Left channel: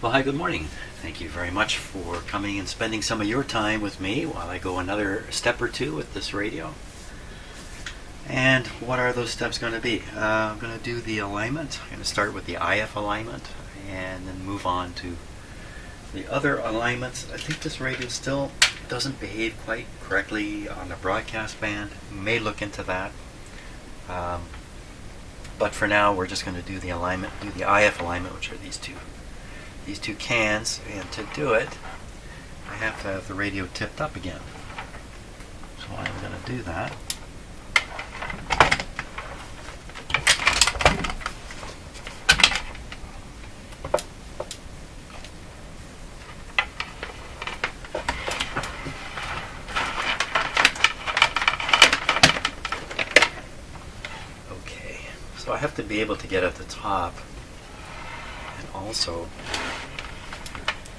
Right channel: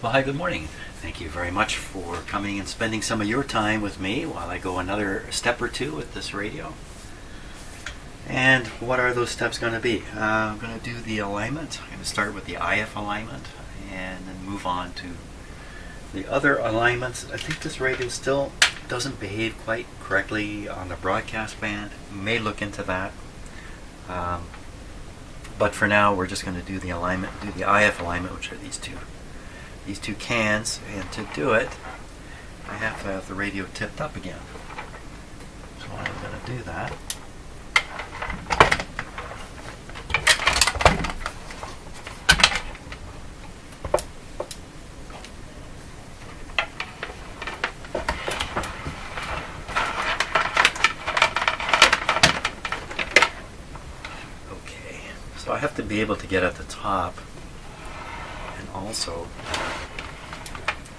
Well, hi, good morning. Thank you very much for coming and spending some of your time with me while I go another step or two with this radio. And what are those steps going to be? I'm going to do the alignment. I'm going to start with the IF alignment and then move on to the other alignments. I think this radio still doesn't behave quite correctly on the broadcast band. May look into that. But for now, we're just going to do the alignment, do the IF alignment, which are these two cans, and to do it, I have to have the radio tipped up again. So I'm going to do that. Okay, so I have to be able to get at the top and also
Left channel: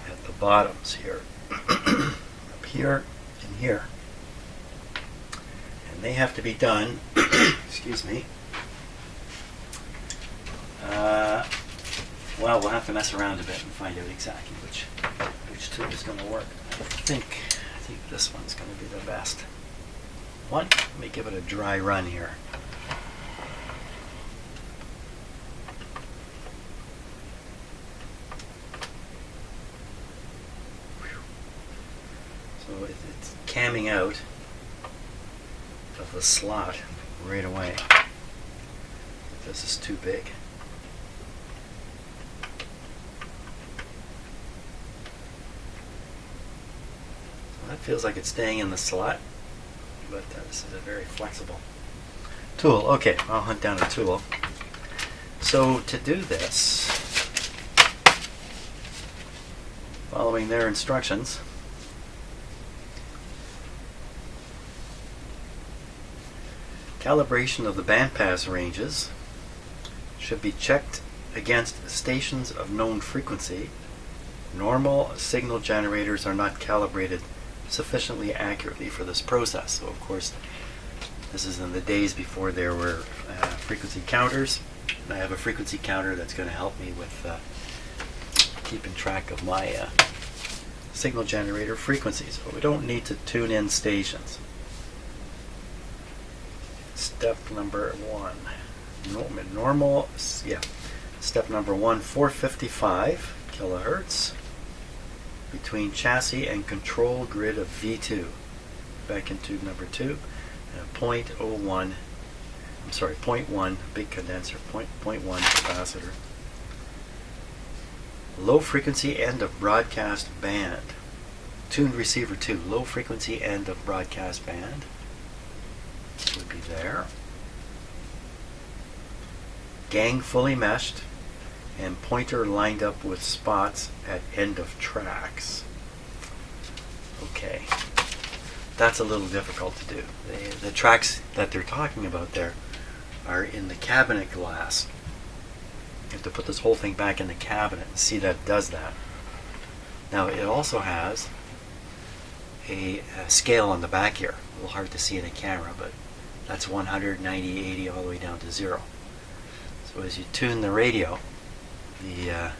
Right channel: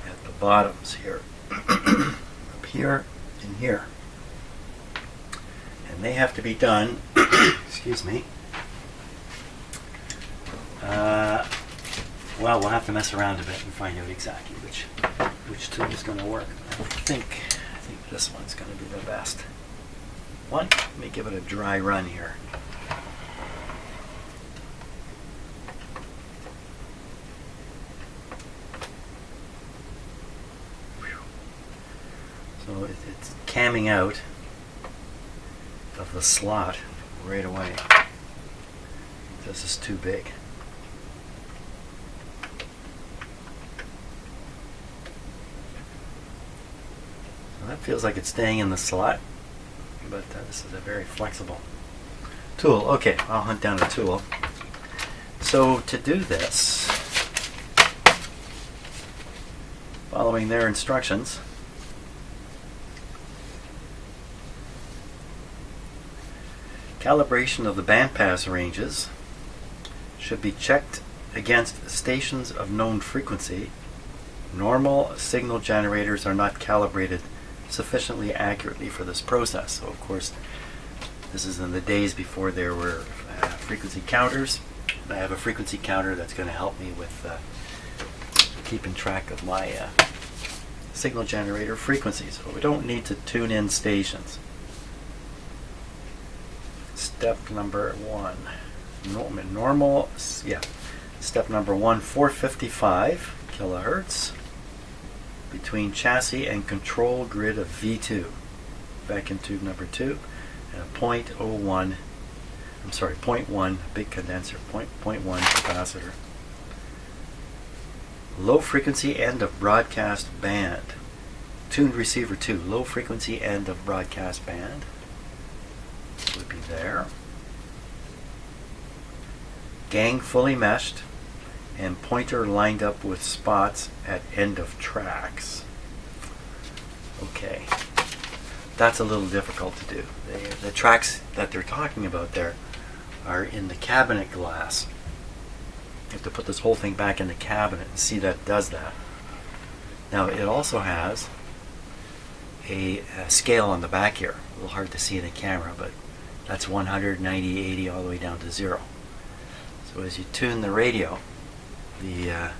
at the bottoms here, up here and here, and they have to be done excuse me, well, we'll have to mess around a bit and find out exactly which tool is going to work. I think this one's going to be the best one. Let me give it a dry run here. So it's camming out of the slot right away. This is too big. So that feels like it's staying in the slot, but this is a very flexible tool. Okay, I'll hunt down a tool. So to do this, following their instructions, calibration of the bandpass ranges should be checked against stations of known frequency. Normal signal generators are not calibrated sufficiently accurately for this process. So of course, this is in the days before there were frequency counters. And I have a frequency counter that's going to help me with keeping track of my signal generator frequencies. So we don't need to tune in stations. Step number one, Step number one, 455 kilohertz between chassis and control grid of V2, vacuum tube number 2, and a 0.1 big condenser, 0.1 capacitor. Low frequency end of broadcast band. Tuned receiver 2, low frequency end of broadcast band would be there. Gang fully meshed and pointer lined up with spots at end of tracks. Okay, that's a little difficult to do. The tracks that they're talking about there are in the cabinet glass. You have to put this whole thing back in the cabinet and see that it does that. Now it also has a scale on the back here. A little hard to see in the camera, but that's 100, 90, 80, all the way down to 0. So as you tune the radio, the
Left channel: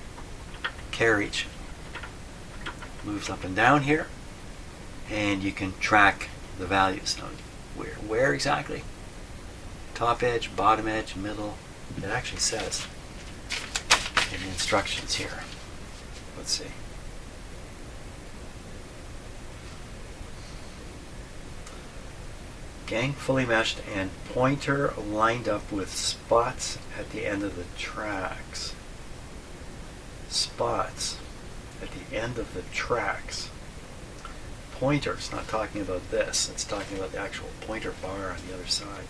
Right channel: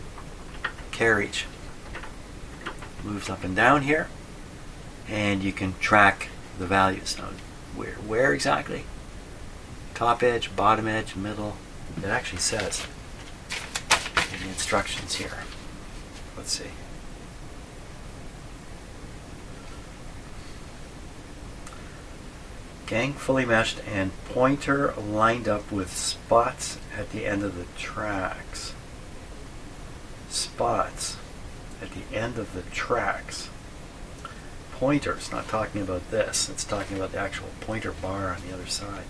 carriage moves up and down here, and you can track the values. Now, where exactly? Top edge, bottom edge, middle. It actually says in the instructions here. Let's see. Gang fully meshed and pointer lined up with spots at the end of the tracks. Spots at the end of the tracks. Pointer, it's not talking about this, it's talking about the actual pointer bar on the other side.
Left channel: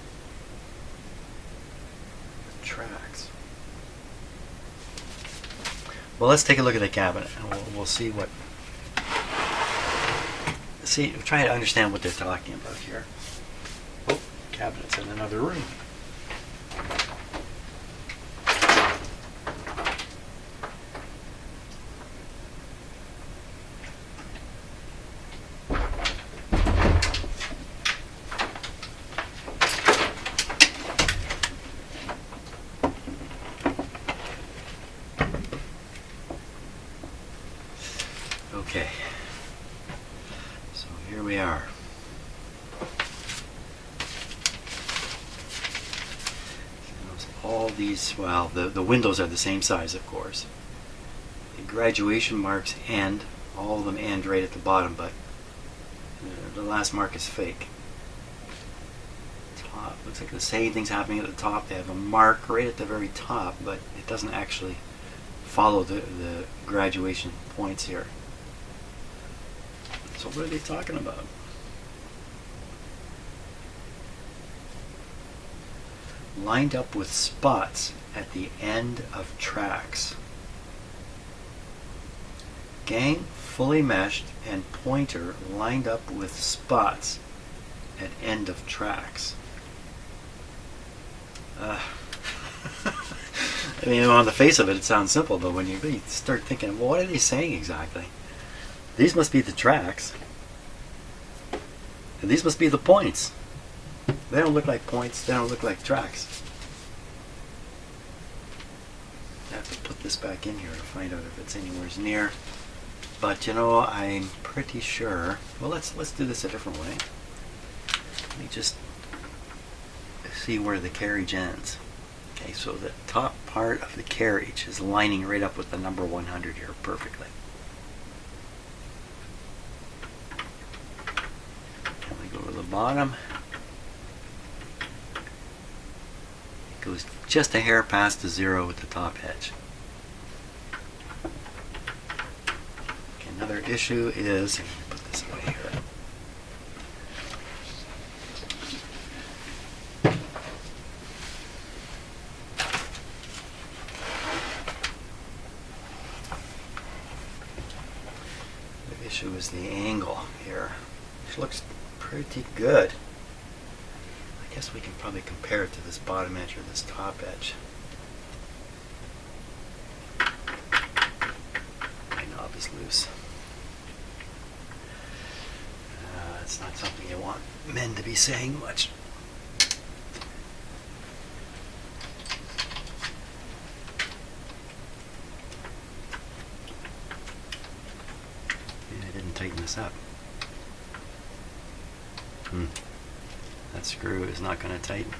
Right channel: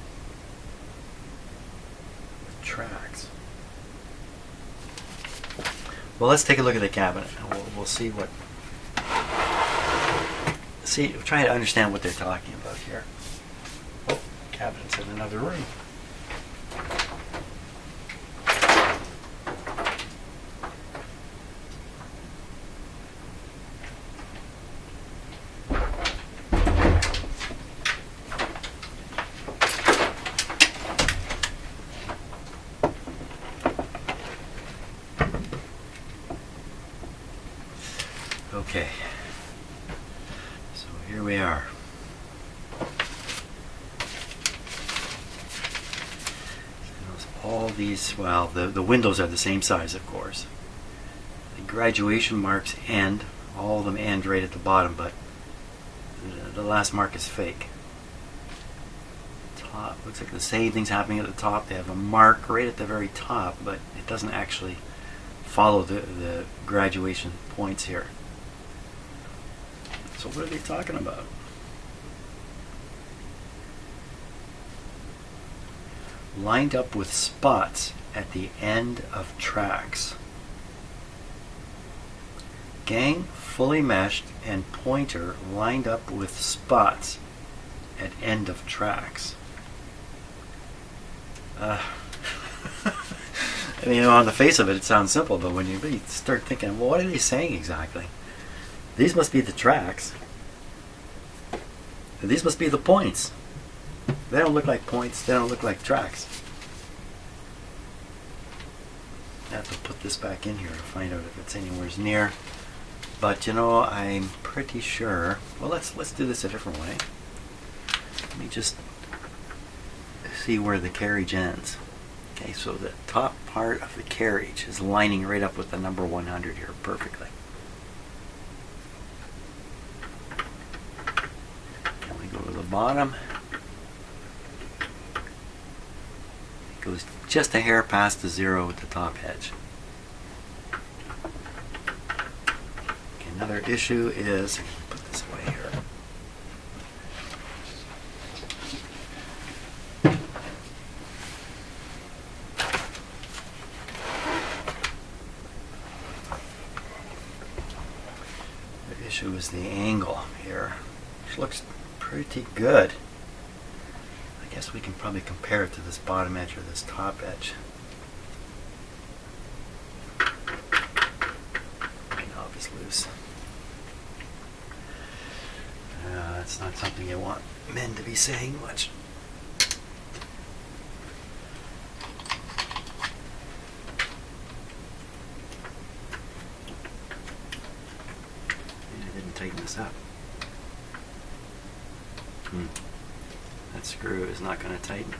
The tracks. Well, let's take a look at the cabinet and we'll see what. Try to understand what they're talking about here. Oh, cabinet's in another room. Okay, so here we are. All these, well, the windows are the same size, of course. The graduation marks end, all of them end right at the bottom, but the last mark is fake. Top, looks like the same thing's happening at the top. They have a mark right at the very top, but it doesn't actually follow the graduation points here. So what are they talking about? Lined up with spots at the end of tracks. Gang fully meshed and pointer lined up with spots at end of tracks. I mean, on the face of it, it sounds simple, but when you really start thinking, well, what are they saying exactly? These must be the tracks. And these must be the points. They don't look like points. They don't look like tracks. I have to put this back in here to find out if it's anywhere near. But you know, I'm pretty sure. Well, let's do this a different way. Let me just see where the carriage ends. Okay, so the top part of the carriage is lining right up with the number 100 here perfectly. And we go to the bottom. It goes just a hair past the 0 at the top edge. Okay, another issue is, put this away here. The issue is the angle here, which looks pretty good. I guess we can probably compare it to this bottom edge or this top edge. My knob is loose. That's not something you want men to be saying much. Maybe I didn't tighten this up. That screw is not going to tighten.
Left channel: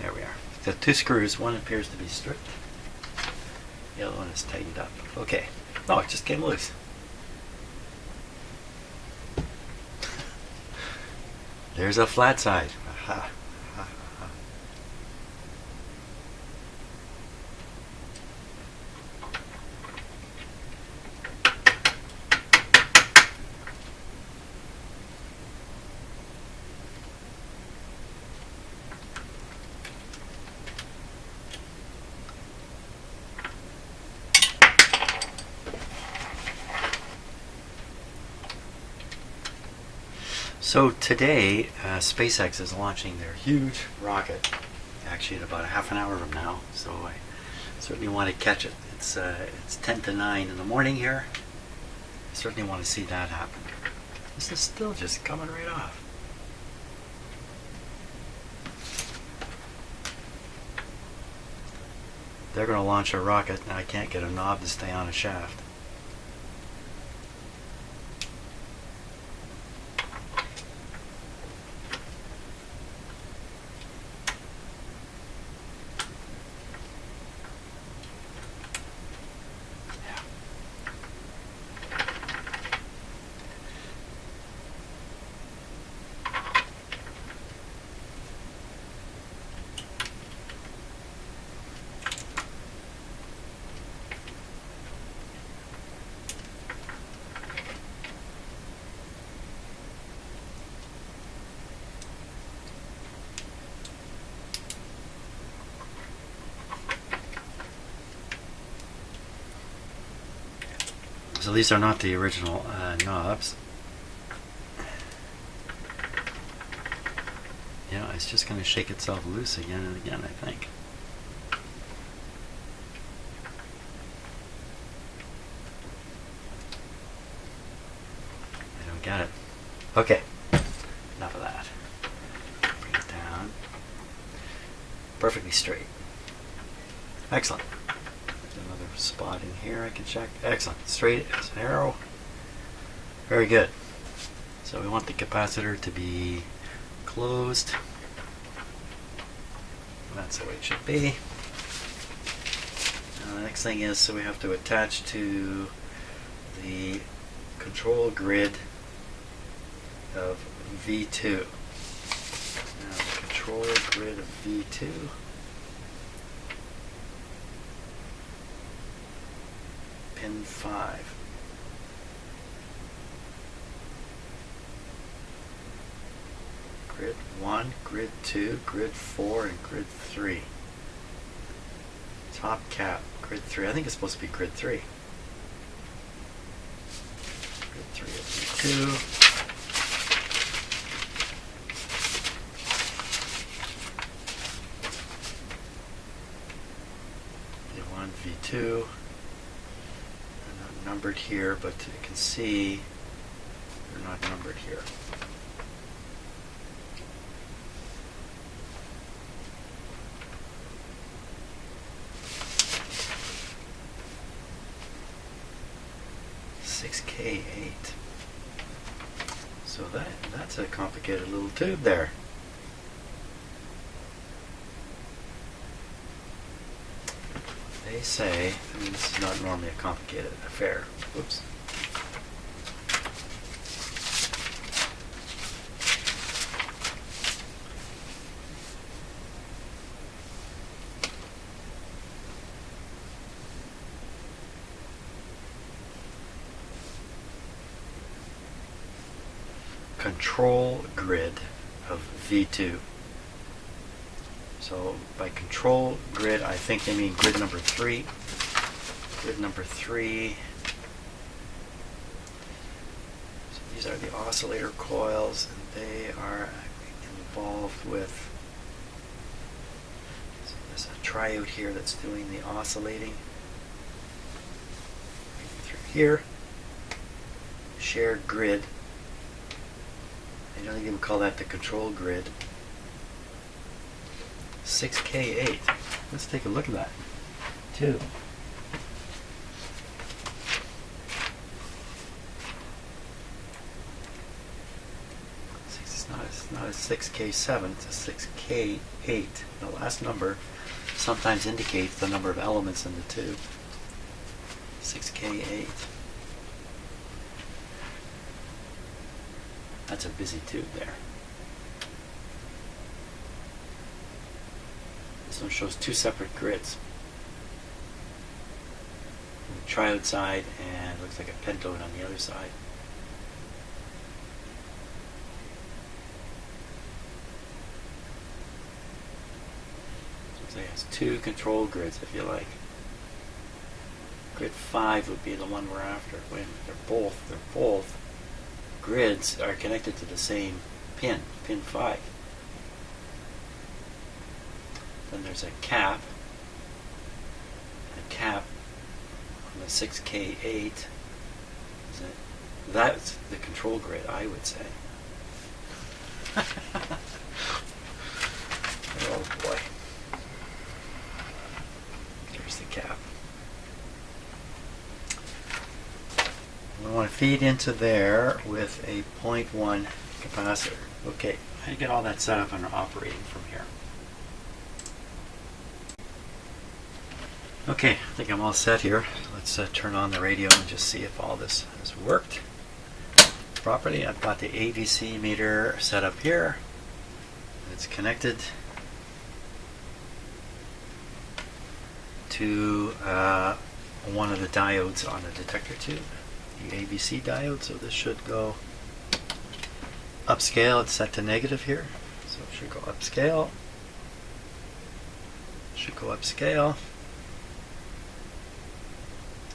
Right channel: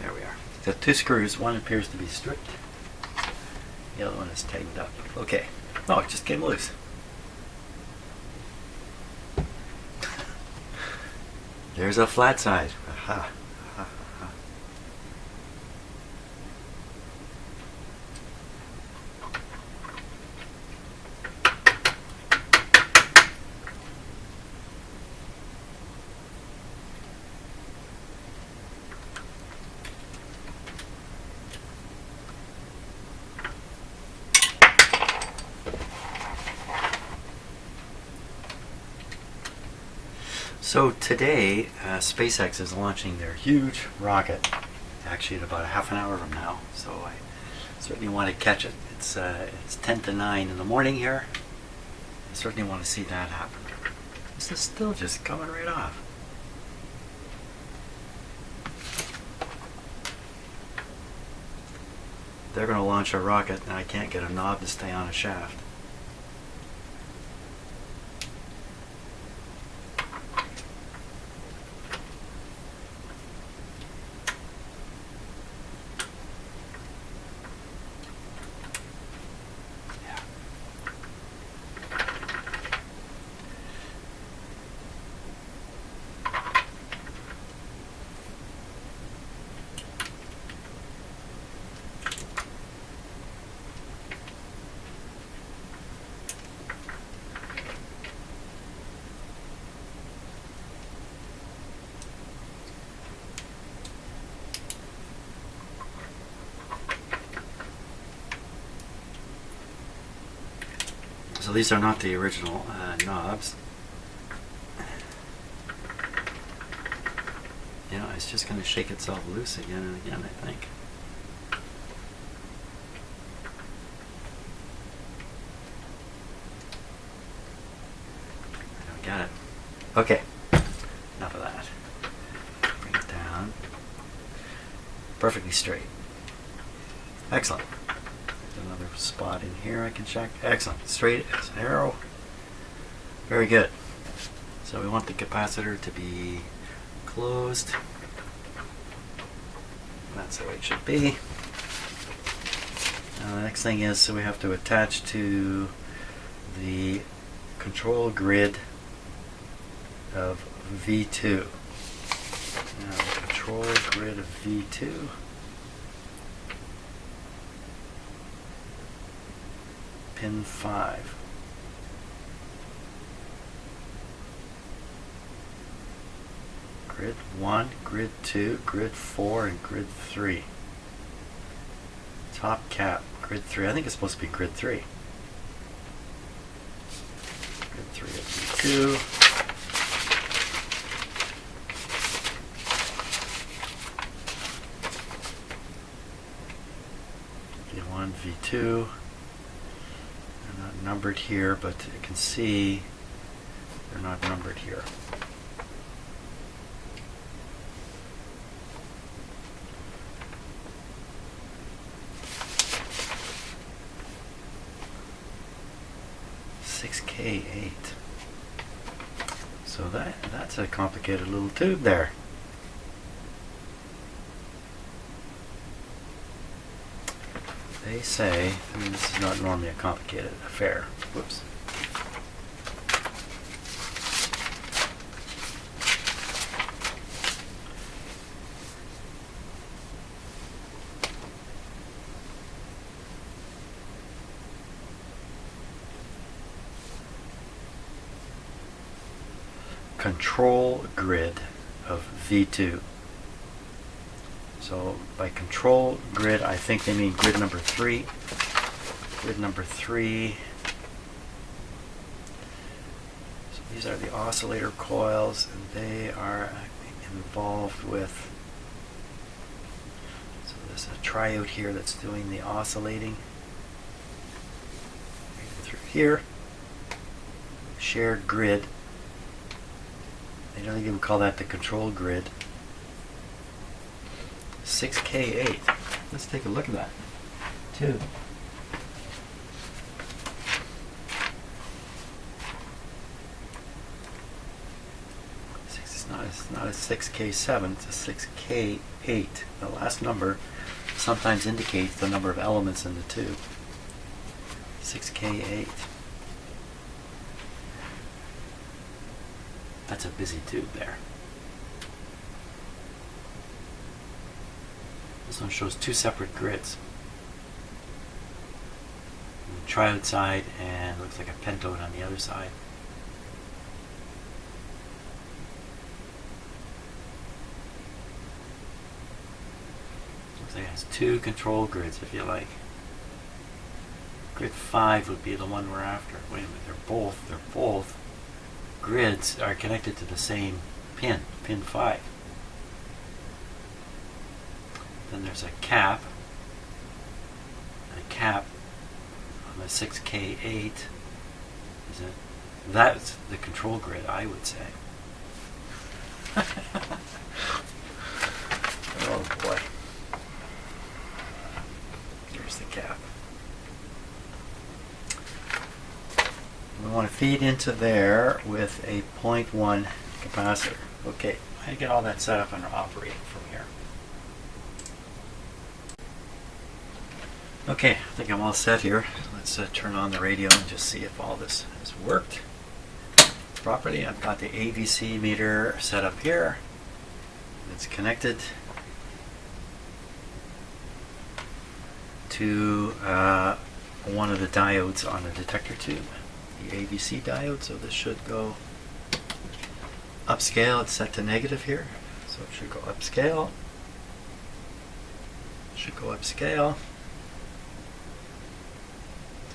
There we are. The two screws, one appears to be strict. The other one is tightened up. Okay. Oh, it just came loose. There's a flat side. Aha. Aha. Aha. So today, SpaceX is launching their huge rocket, actually at about a half an hour from now, so I certainly want to catch it. It's 10 to 9 in the morning here. I certainly want to see that happen. This is still just coming right off. They're going to launch a rocket and I can't get a knob to stay on a shaft. So these are not the original knobs. You know, it's just going to shake itself loose again and again, I think. I don't get it. Okay, enough of that. Bring it down. Perfectly straight. Excellent. another spot in here I can check. Excellent. Straight as an arrow. Very good. So we want the capacitor to be closed. That's the way it should be. The next thing is, so we have to attach to the control grid of V2. Now the control grid of V2. Pin 5. Grid 1, grid 2, grid 4, and grid 3. Top cap, grid 3. I think it's supposed to be grid 3. Grid 3 of V2. V1, V2. They're not numbered here, but you can see they're not numbered here. K8. So that's a complicated little tube there. They say, I mean, this is not normally a complicated affair. Whoops. Control grid of V2. So by control grid, I think they mean grid number 3. Grid number 3. So these are the oscillator coils, and they are involved with, so there's a triode here that's doing the oscillating right through here. Shared grid. They don't even call that the control grid. 6K8. Let's take a look at that. 2. It's not a 6K7, it's a 6K8. The last number sometimes indicates the number of elements in the tube. 6K8. That's a busy tube there. This one shows 2 separate grids. The triode side and looks like a pentode on the other side. So looks like it has 2 control grids, if you like. Grid 5 would be the one we're after. Wait a minute, they're both grids are connected to the same pin, pin 5. Then there's a cap on the 6K8. Is it? That's the control grid, I would say. Oh boy. There's the cap. We want to feed into there with a 0.1 capacitor. Okay, I get all that set up and operating from here. Okay, I think I'm all set here. Let's turn on the radio and just see if all this has worked properly. I've got the AVC meter set up here. It's connected to one of the diodes on the detector tube, the AVC diode. So this should go upscale. It's set to negative here, so it should go upscale. Should go upscale.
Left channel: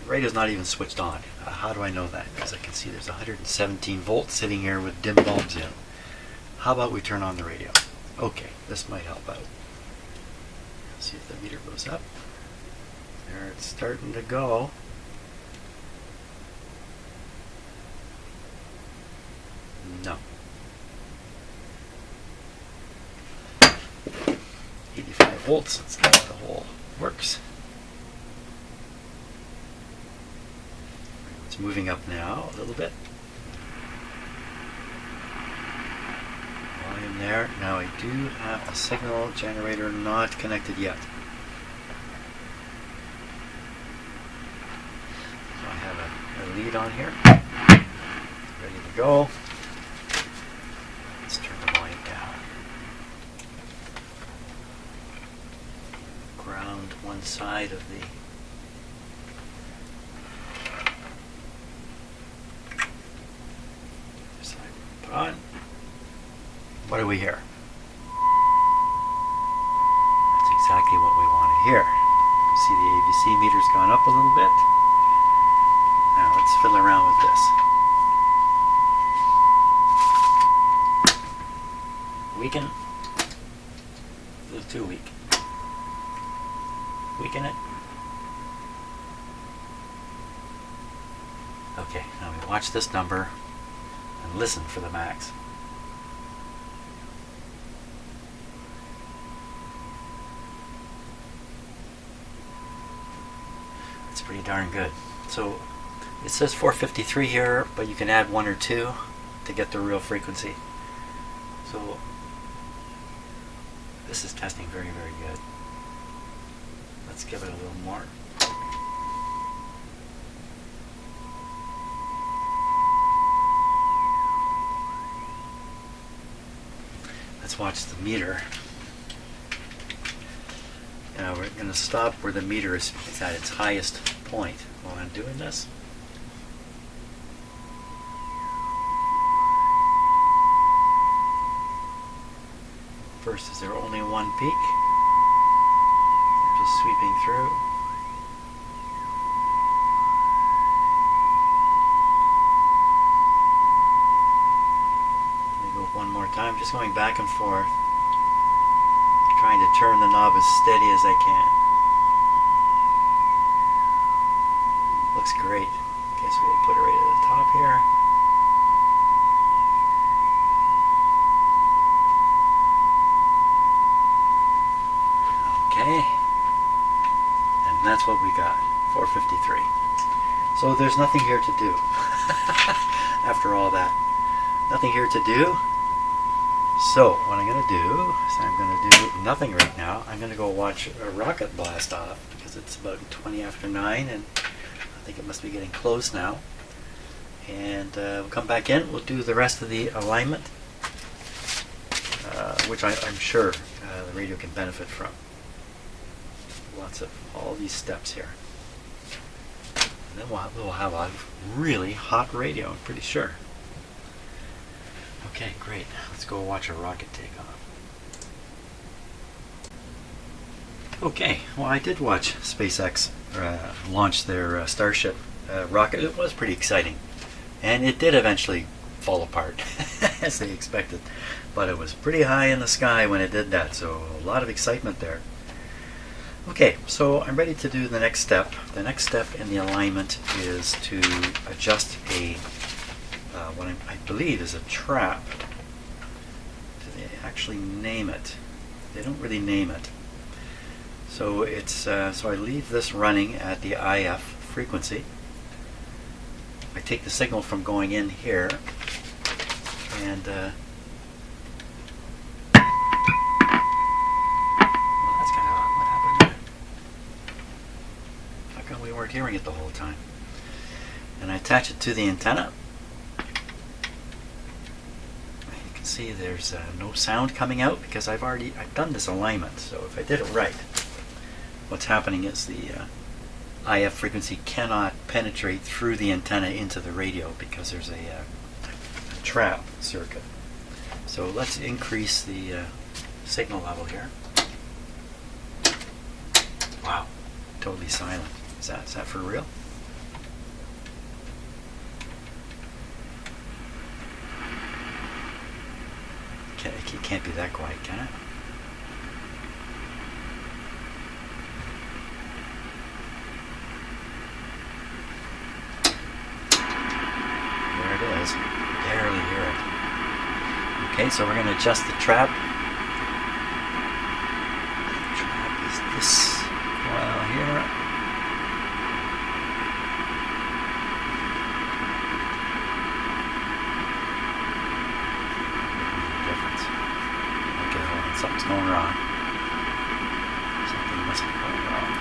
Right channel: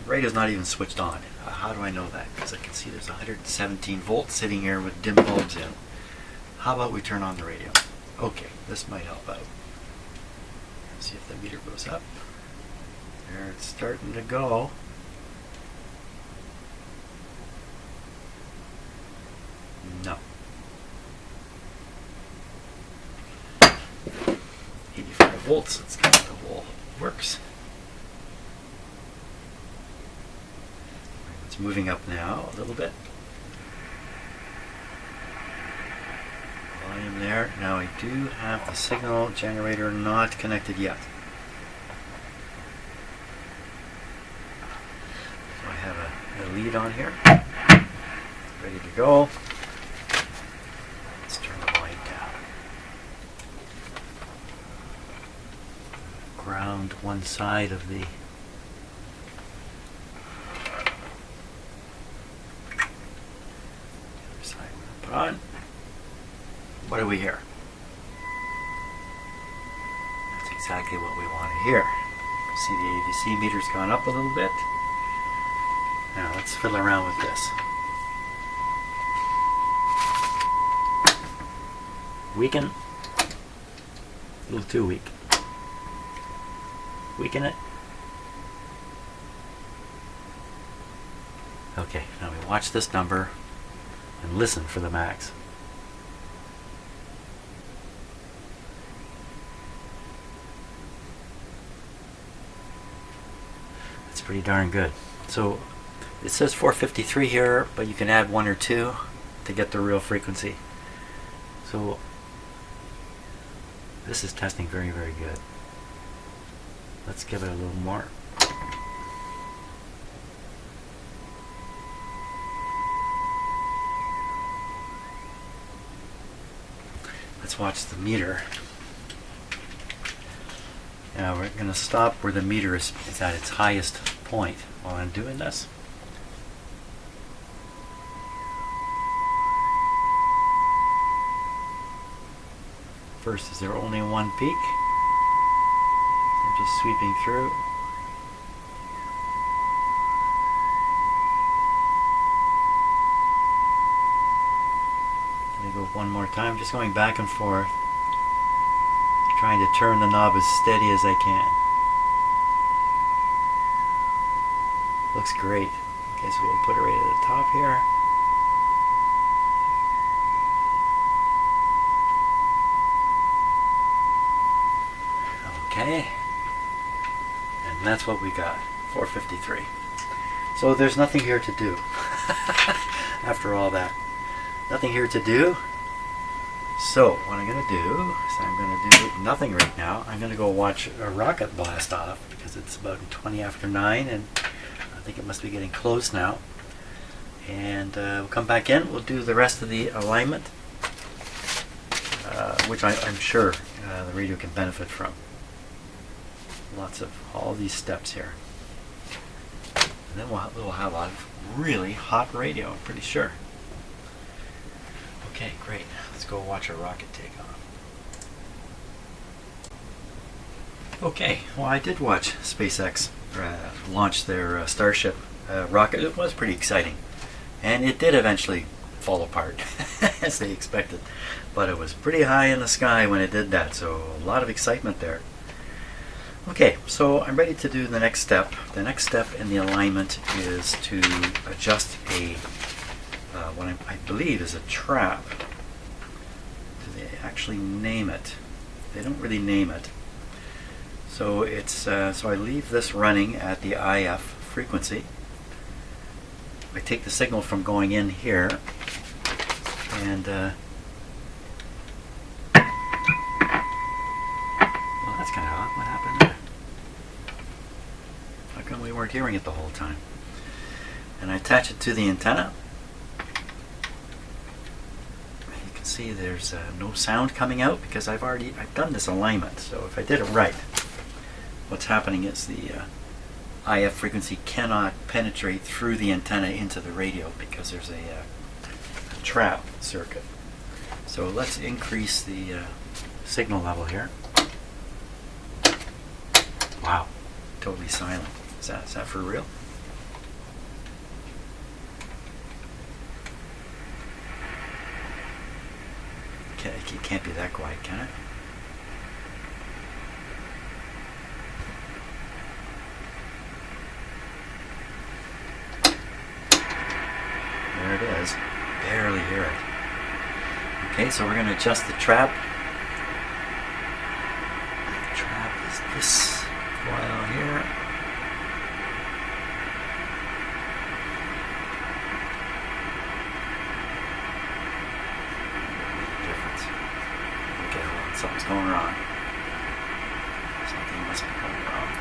The radio's not even switched on. How do I know that? Because I can see there's 117 volts sitting here with dim bulbs in. How about we turn on the radio? Okay, this might help out. Let's see if the meter goes up. There, it's starting to go. No. 85 volts. Let's see how the whole works. It's moving up now a little bit. Volume there. Now I do have the signal generator not connected yet. So I have a lead on here. Ready to go. Let's turn the volume down. Ground one side of the side we're gonna put on. What do we hear? That's exactly what we want to hear. See the ABC meter's gone up a little bit. Now let's fiddle around with this. Weaken. A little too weak. Weaken it. Okay, now we watch this number and listen for the max. That's pretty darn good. So it says 453 here, but you can add 1 or 2 to get the real frequency. So this is testing very, very good. Let's give it a little more. Let's watch the meter. Now we're going to stop where the meter is at its highest point while I'm doing this. First, is there only one peak? We're just sweeping through. Let me go one more time, just going back and forth, trying to turn the knob as steady as I can. Looks great. Okay, so we'll put it right at the top here. Okay, and that's what we got, 453. So there's nothing here to do. After all that, nothing here to do. So what I'm going to do is I'm going to do nothing right now. I'm going to go watch a rocket blast off because it's about 20 after 9 and I think it must be getting close now. And we'll come back in. We'll do the rest of the alignment, which I'm sure the radio can benefit from. Lots of all these steps here. And then we'll have a really hot radio, I'm pretty sure. Okay, great. Let's go watch a rocket take off. Okay, well I did watch SpaceX launch their Starship rocket. It was pretty exciting. And it did eventually fall apart, as they expected. But it was pretty high in the sky when it did that, so a lot of excitement there. Okay, so I'm ready to do the next step. The next step in the alignment is to adjust a what I believe is a trap. Do they actually name it? They don't really name it. So it's so I leave this running at the IF frequency. I take the signal from going in here, and well, that's kind of odd. What happened there? How come we weren't hearing it the whole time? And I attach it to the antenna. You can see there's no sound coming out because I've done this alignment. So if I did it right, what's happening is the IF frequency cannot penetrate through the antenna into the radio because there's a trap circuit. So let's increase the signal level here. Wow, totally silent. Is that for real? It can't be that quiet, can it? There it is. Barely hear it. Okay, so we're going to adjust the trap. The trap is this coil here. must be going wrong.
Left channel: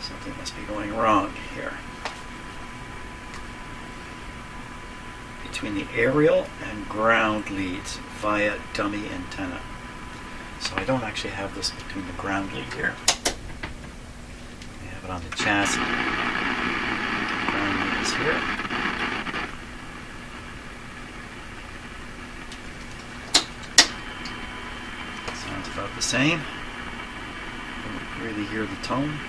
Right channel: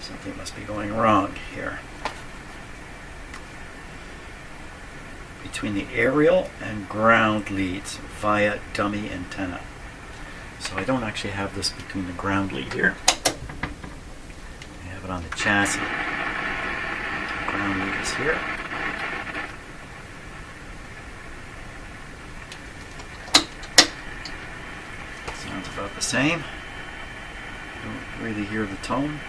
Something must be going wrong here. Between the aerial and ground leads via dummy antenna. So I don't actually have this between the ground lead here. I have it on the chassis. The ground lead is here. Sounds about the same. Don't really hear the tone.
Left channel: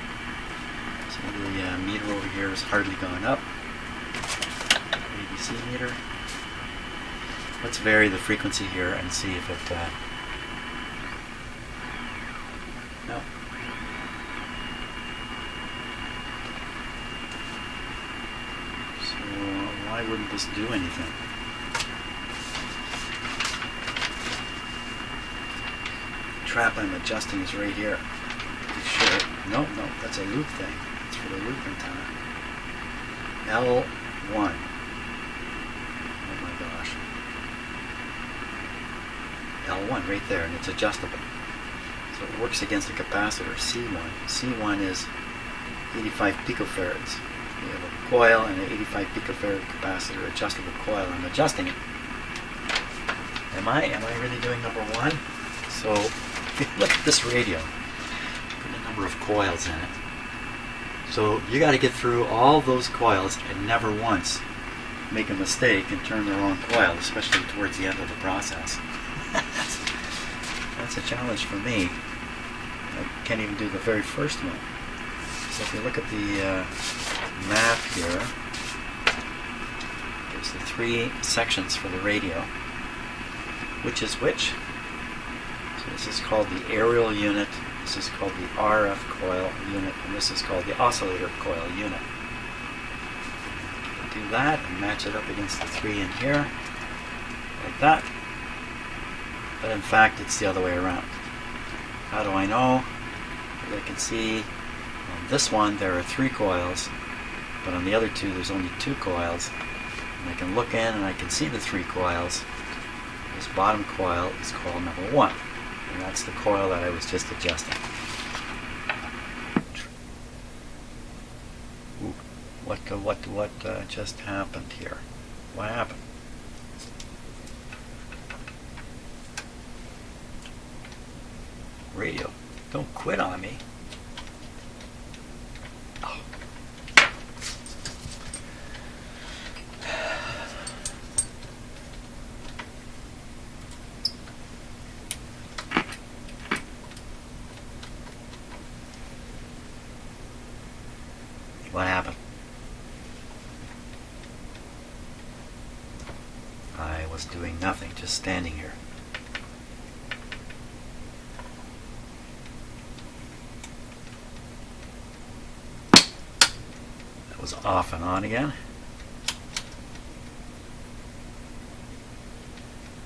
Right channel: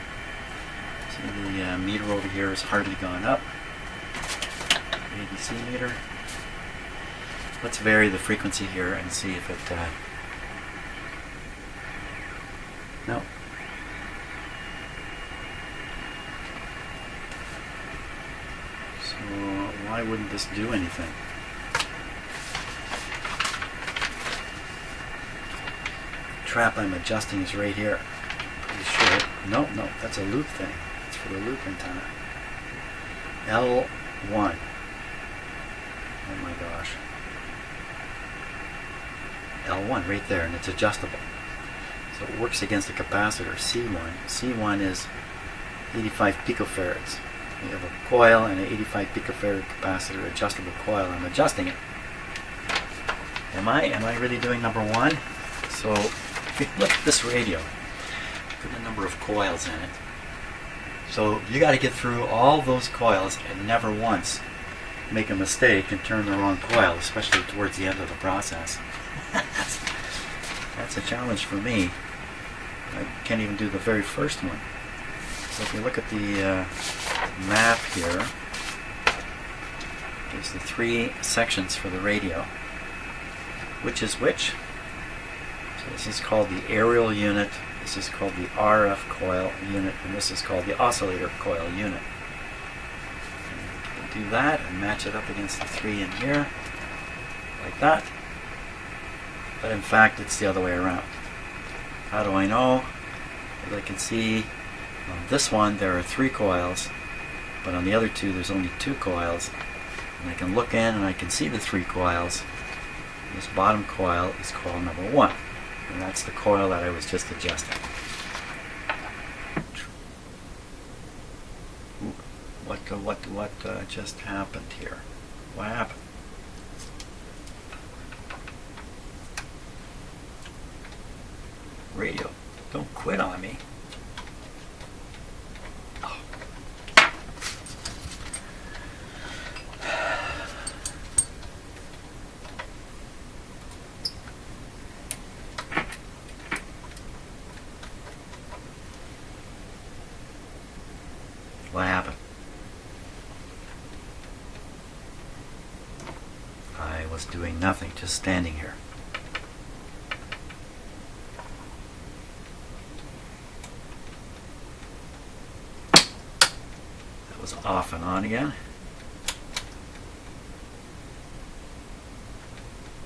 See, the meter over here has hardly gone up. ABC meter. Let's vary the frequency here and see if it no. So why wouldn't this do anything? Trap I'm adjusting is right here. Pretty sure. No, that's a loop thing. It's for the loop antenna. L1. Oh my gosh. L1 right there, and it's adjustable. So it works against the capacitor C1. C1 is 85 picofarads. We have a coil and an 85 picofarad capacitor, adjustable coil. I'm adjusting it. Am I really doing number one? So if you look at this radio, put a number of coils in it. So you got to get through all those coils and never once make a mistake and turn the wrong coil, especially towards the end of the process. That's a challenge for me. I can't even do the very first one. So if you look at the map here, there's the three sections for the radio. Which is which? So this is called the aerial unit, this is called the RF coil unit, and this is called the oscillator coil unit. And do that and match it up against the three in here, like that. But in fact, it's the other way around. How do I know? As I can see, on this one there are 3 coils, but on the other two there's only 2 coils. And I can look in and I can see the 3 coils. This bottom coil is coil number 1, and that's the coil that I was just adjusting. Ooh, what just happened here? What happened? Radio, don't quit on me. Oh. What happened? I was doing nothing, just standing here. Was off and on again.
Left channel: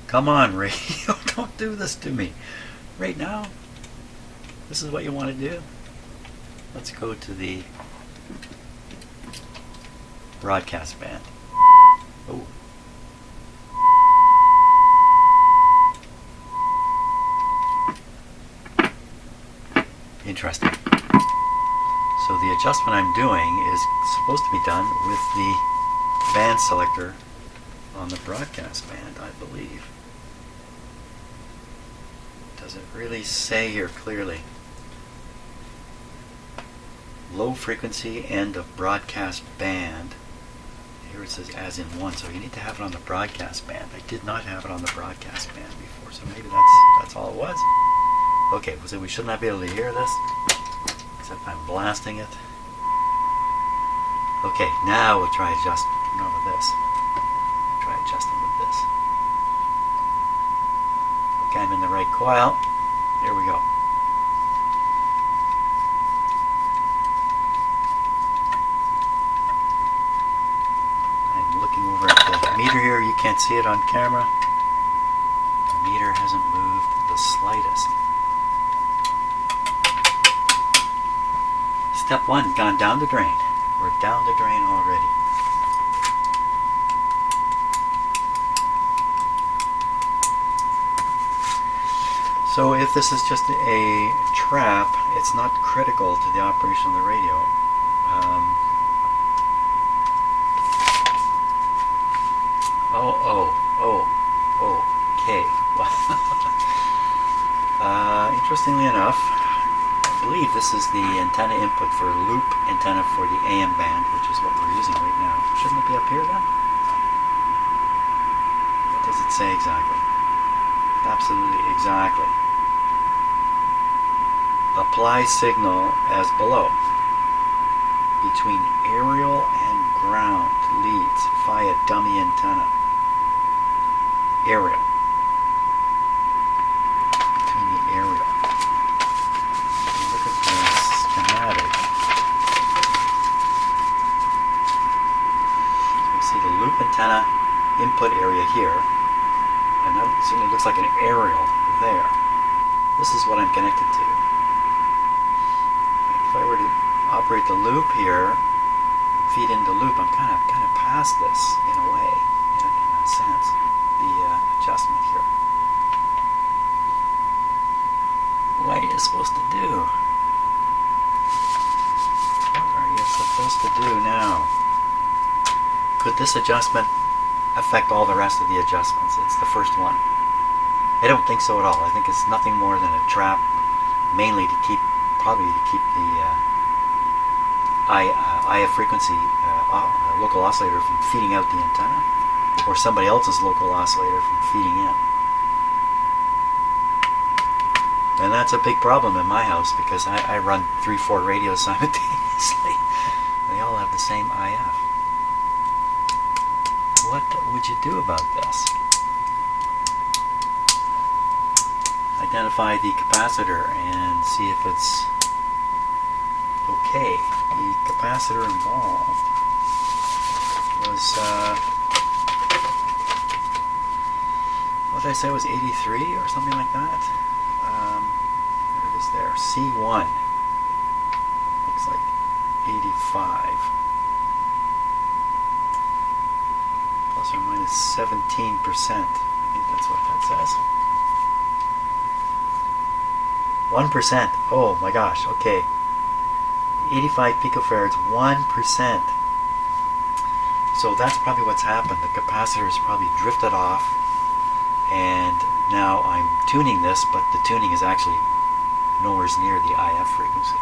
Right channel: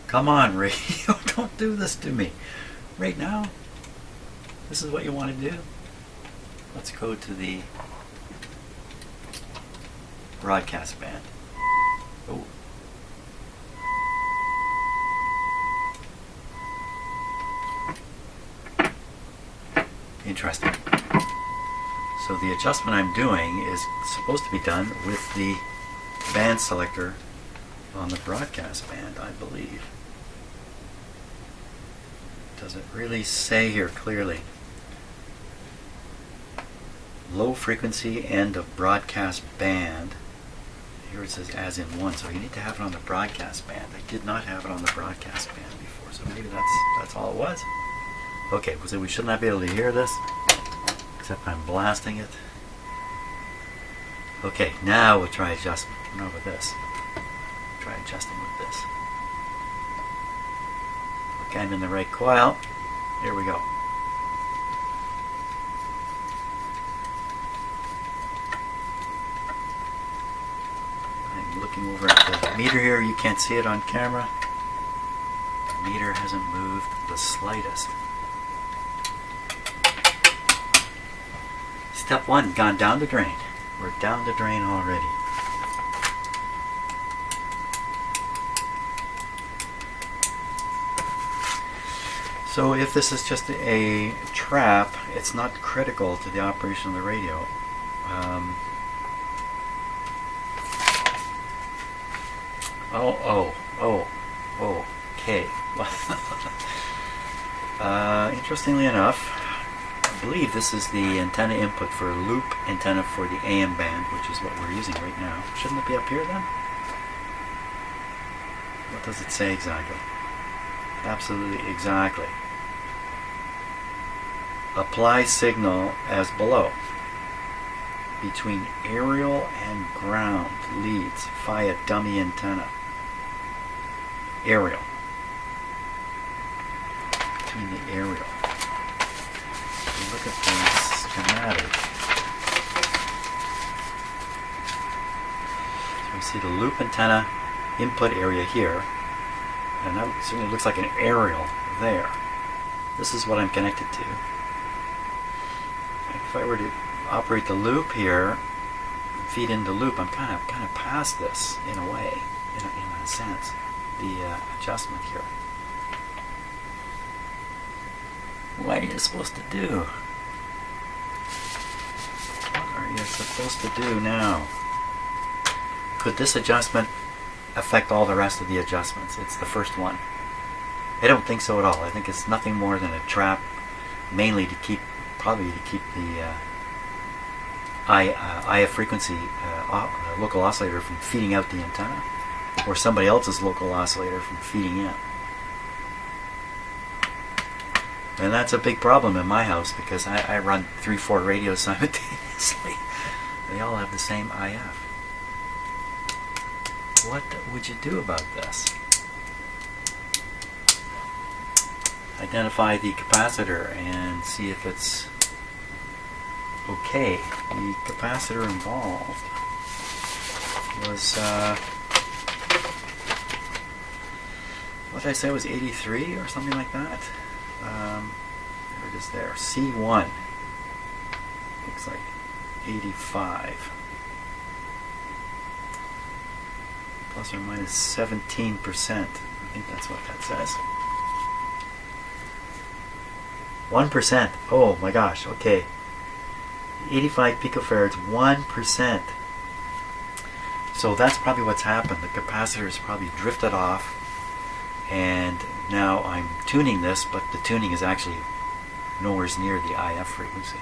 Come on, radio, don't do this to me. Right now? This is what you want to do? Let's go to the broadcast band. Oh. Interesting. So the adjustment I'm doing is supposed to be done with the band selector on the broadcast band, I believe. Does it really say here clearly? Low frequency end of broadcast band. Here it says as in 1, so you need to have it on the broadcast band. I did not have it on the broadcast band before, so maybe that's all it was. Okay, so we should not be able to hear this. Except I'm blasting it. Okay, now we'll try adjusting. No, with this. Try adjusting with this. Okay, I'm in the right coil. Here we go. I'm looking over at the meter here. You can't see it on camera. The meter hasn't moved the slightest. Step 1 gone down the drain. We're down the drain already. So if this is just a trap, it's not critical to the operation of the radio. Okay. Interestingly enough, I believe this is the antenna input for a loop antenna for the AM band, which is what we're using right now. Shouldn't it be up here then? What does it say exactly? Absolutely exactly. Apply signal as below. Between aerial and ground leads via dummy antenna. Aerial. Between the aerial. Look at the schematic. So we see the loop antenna input area here, and that certainly looks like an aerial there. This is what I'm connected to. If I were to operate the loop here, feed into loop, I'm kind of past this in a way, in a sense, the adjustment here. What are you supposed to do? What are you supposed to do now? Could this adjustment affect all the rest of the adjustments? It's the first one. I don't think so at all. I think it's nothing more than a trap, mainly to keep, probably to keep the IF frequency local oscillator from feeding out the antenna, or somebody else's local oscillator from feeding in. And that's a big problem in my house because I run 3-4 radios simultaneously. They all have the same IF. What would you do about this? Identify the capacitor and see if it's okay. The capacitor involved was, what did I say, it was 83 or something like that? There it is there. C1. Looks like 85. Plus or minus 17%. I think that's what that says. 1%. Oh my gosh, okay. 85 picofarads, 1%. So that's probably what's happened. The capacitor has probably drifted off, and now I'm tuning this, but the tuning is actually nowhere near the IF frequency.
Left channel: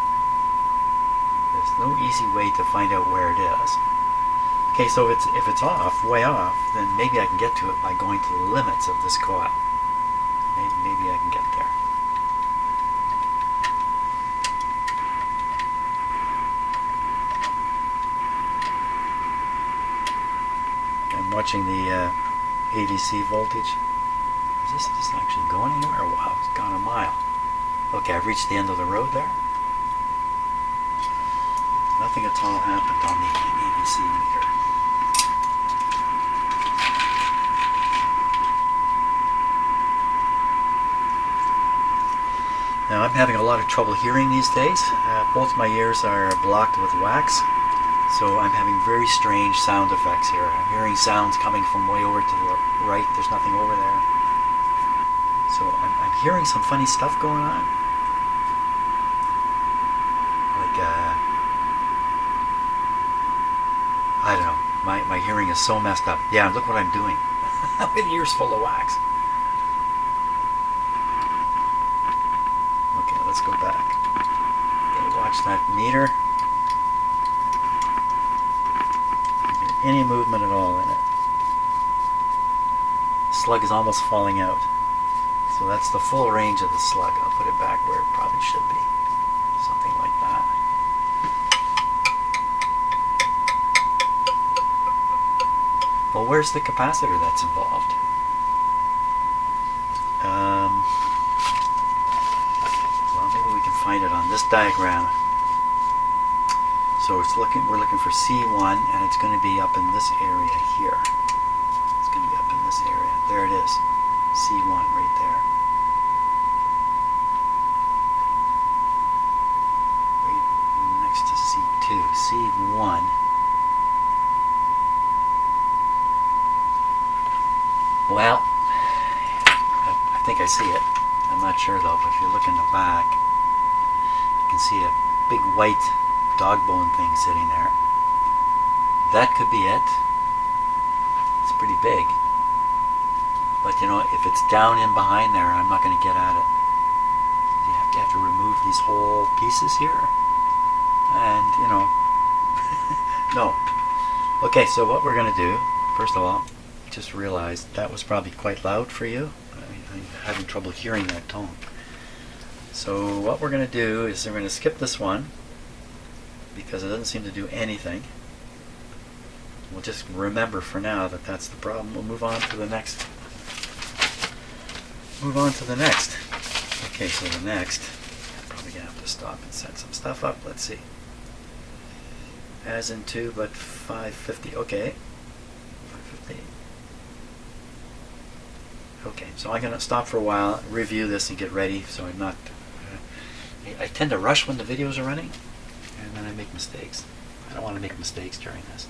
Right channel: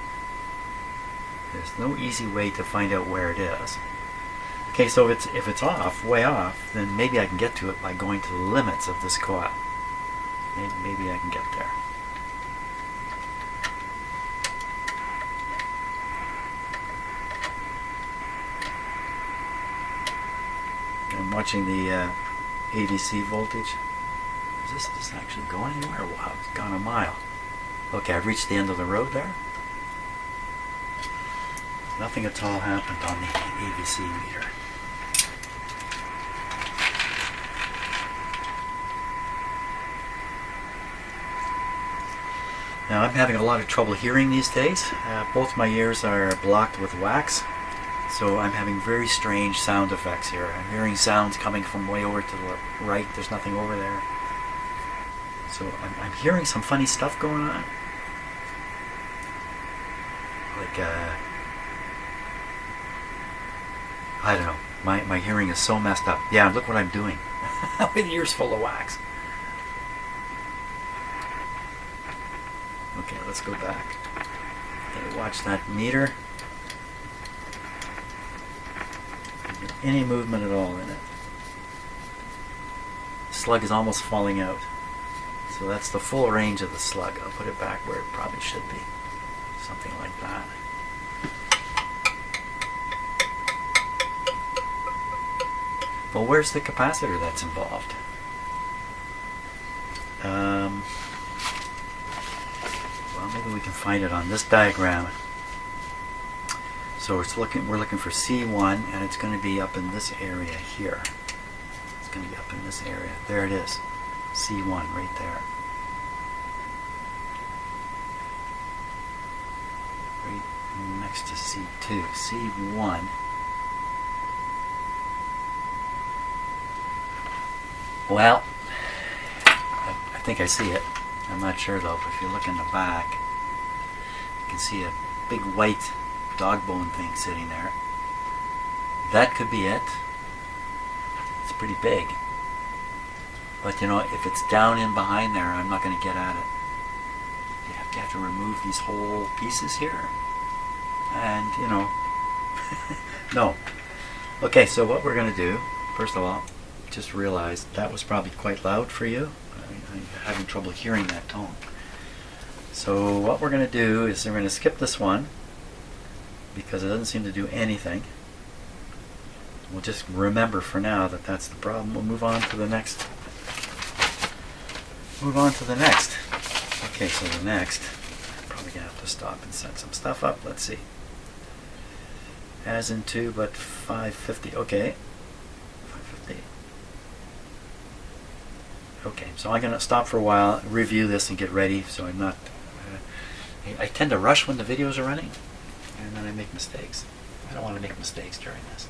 There's no easy way to find out where it is. Okay, so if it's off, way off, then maybe I can get to it by going to the limits of this coil. Maybe I can get there. I'm watching the ADC voltage. Is this actually going anywhere? Wow, it's gone a mile. Okay, I've reached the end of the road there. Nothing at all happened on the ADC meter. Now I'm having a lot of trouble hearing these days. Both my ears are blocked with wax, so I'm having very strange sound effects here. I'm hearing sounds coming from way over to the right. There's nothing over there. So I'm hearing some funny stuff going on. Like, I don't know. My hearing is so messed up. Yeah, look what I'm doing. With ears full of wax. Okay, let's go back. Okay, watch that meter. Is there any movement at all in it? The slug is almost falling out. So that's the full range of the slug. I'll put it back where it probably should be. Something like that. Well, where's the capacitor that's involved? Well, maybe we can find it on this diagram. So we're looking for C1, and it's going to be up in this area here. It's going to be up in this area. There it is. C1 right there. Right next to C2, C1. Well, I think I see it. I'm not sure though, but if you look in the back, you can see a big white dog bone thing sitting there. That could be it. It's pretty big. But you know, if it's down in behind there, I'm not going to get at it. You have to remove these whole pieces here. And, you know, no. Okay, so what we're going to do, first of all, just realized that was probably quite loud for you. I'm having trouble hearing that tone. So what we're going to do is we're going to skip this one because it doesn't seem to do anything. We'll just remember for now that that's the problem. We'll move on to the next. Okay, so the next, I'm probably going to have to stop and set some stuff up. Let's see. As in 2, but 550. Okay. 550. Okay, so I'm going to stop for a while, review this, and get ready so I'm not... I tend to rush when the videos are running, and then I make mistakes. I don't want to make mistakes during this.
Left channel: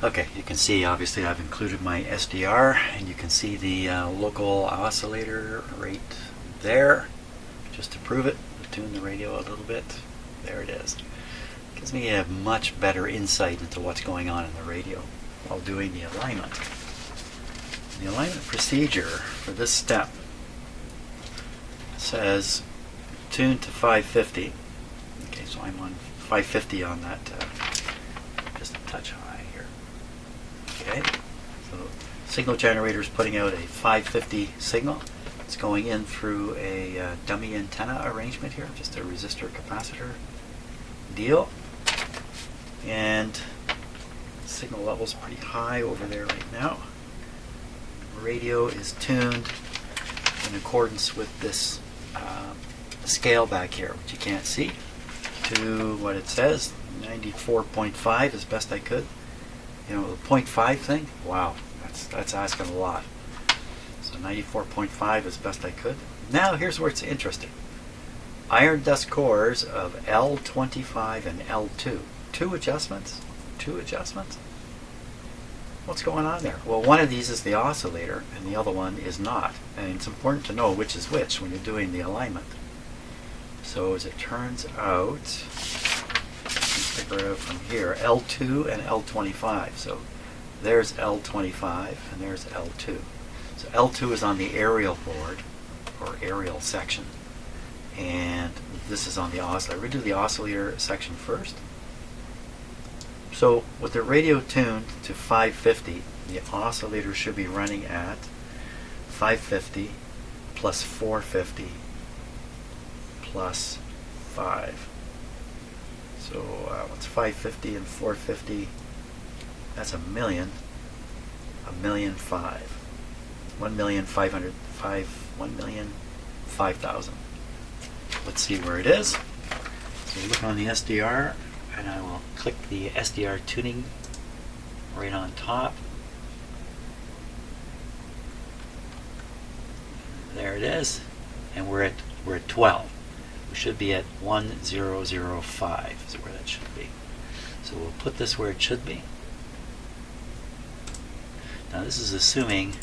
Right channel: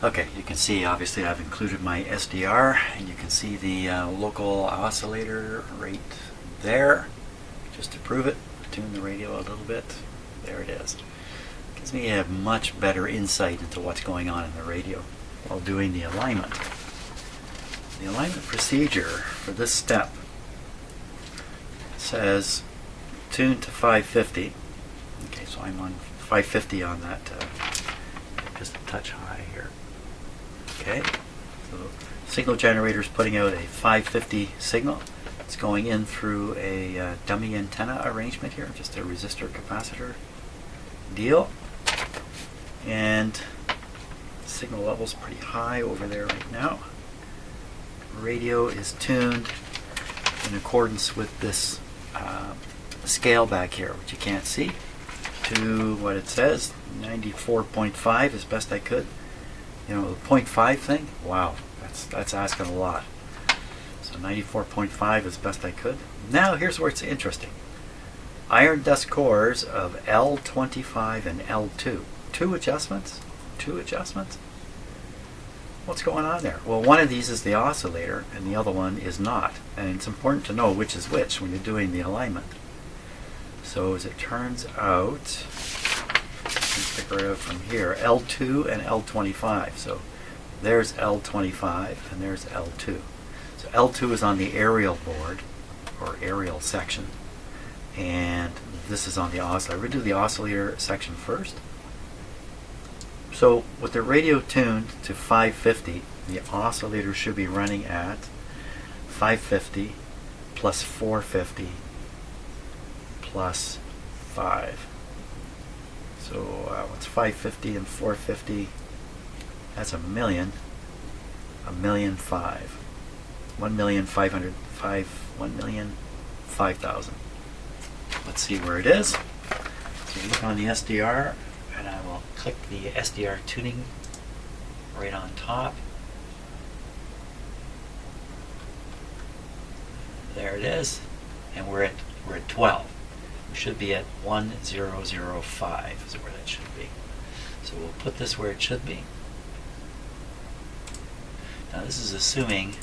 Okay, you can see obviously I've included my SDR, and you can see the local oscillator right there. Just to prove it, I'll tune the radio a little bit. There it is. Gives me a much better insight into what's going on in the radio while doing the alignment. The alignment procedure for this step says tune to 550. Okay, so I'm on 550 on that, just a touch high here. Okay, so signal generator is putting out a 550 signal. It's going in through a dummy antenna arrangement here, just a resistor capacitor deal. And signal level's pretty high over there right now. Radio is tuned in accordance with this scale back here, which you can't see, to what it says, 94.5 as best I could. You know, the 0.5 thing, wow, that's asking a lot. So 94.5 as best I could. Now here's where it's interesting. Iron dust cores of L25 and L2. Two adjustments? What's going on there? Well, one of these is the oscillator and the other one is not. And it's important to know which is which when you're doing the alignment. So as it turns out, you can figure it out from here, L2 and L25. So there's L25 and there's L2. So L2 is on the aerial board, or aerial section, and this is on the oscillator. We'll do the oscillator section first. So with the radio tuned to 550, the oscillator should be running at 550 plus 450 plus 5. So what's 550 and 450? That's a million. 1,000,005. 1,500,000. Let's see where it is. So look on the SDR, and I will click the SDR tuning right on top. There it is, and we're at 12. We should be at 1005 is where that should be. So we'll put this where it should be. Now this is assuming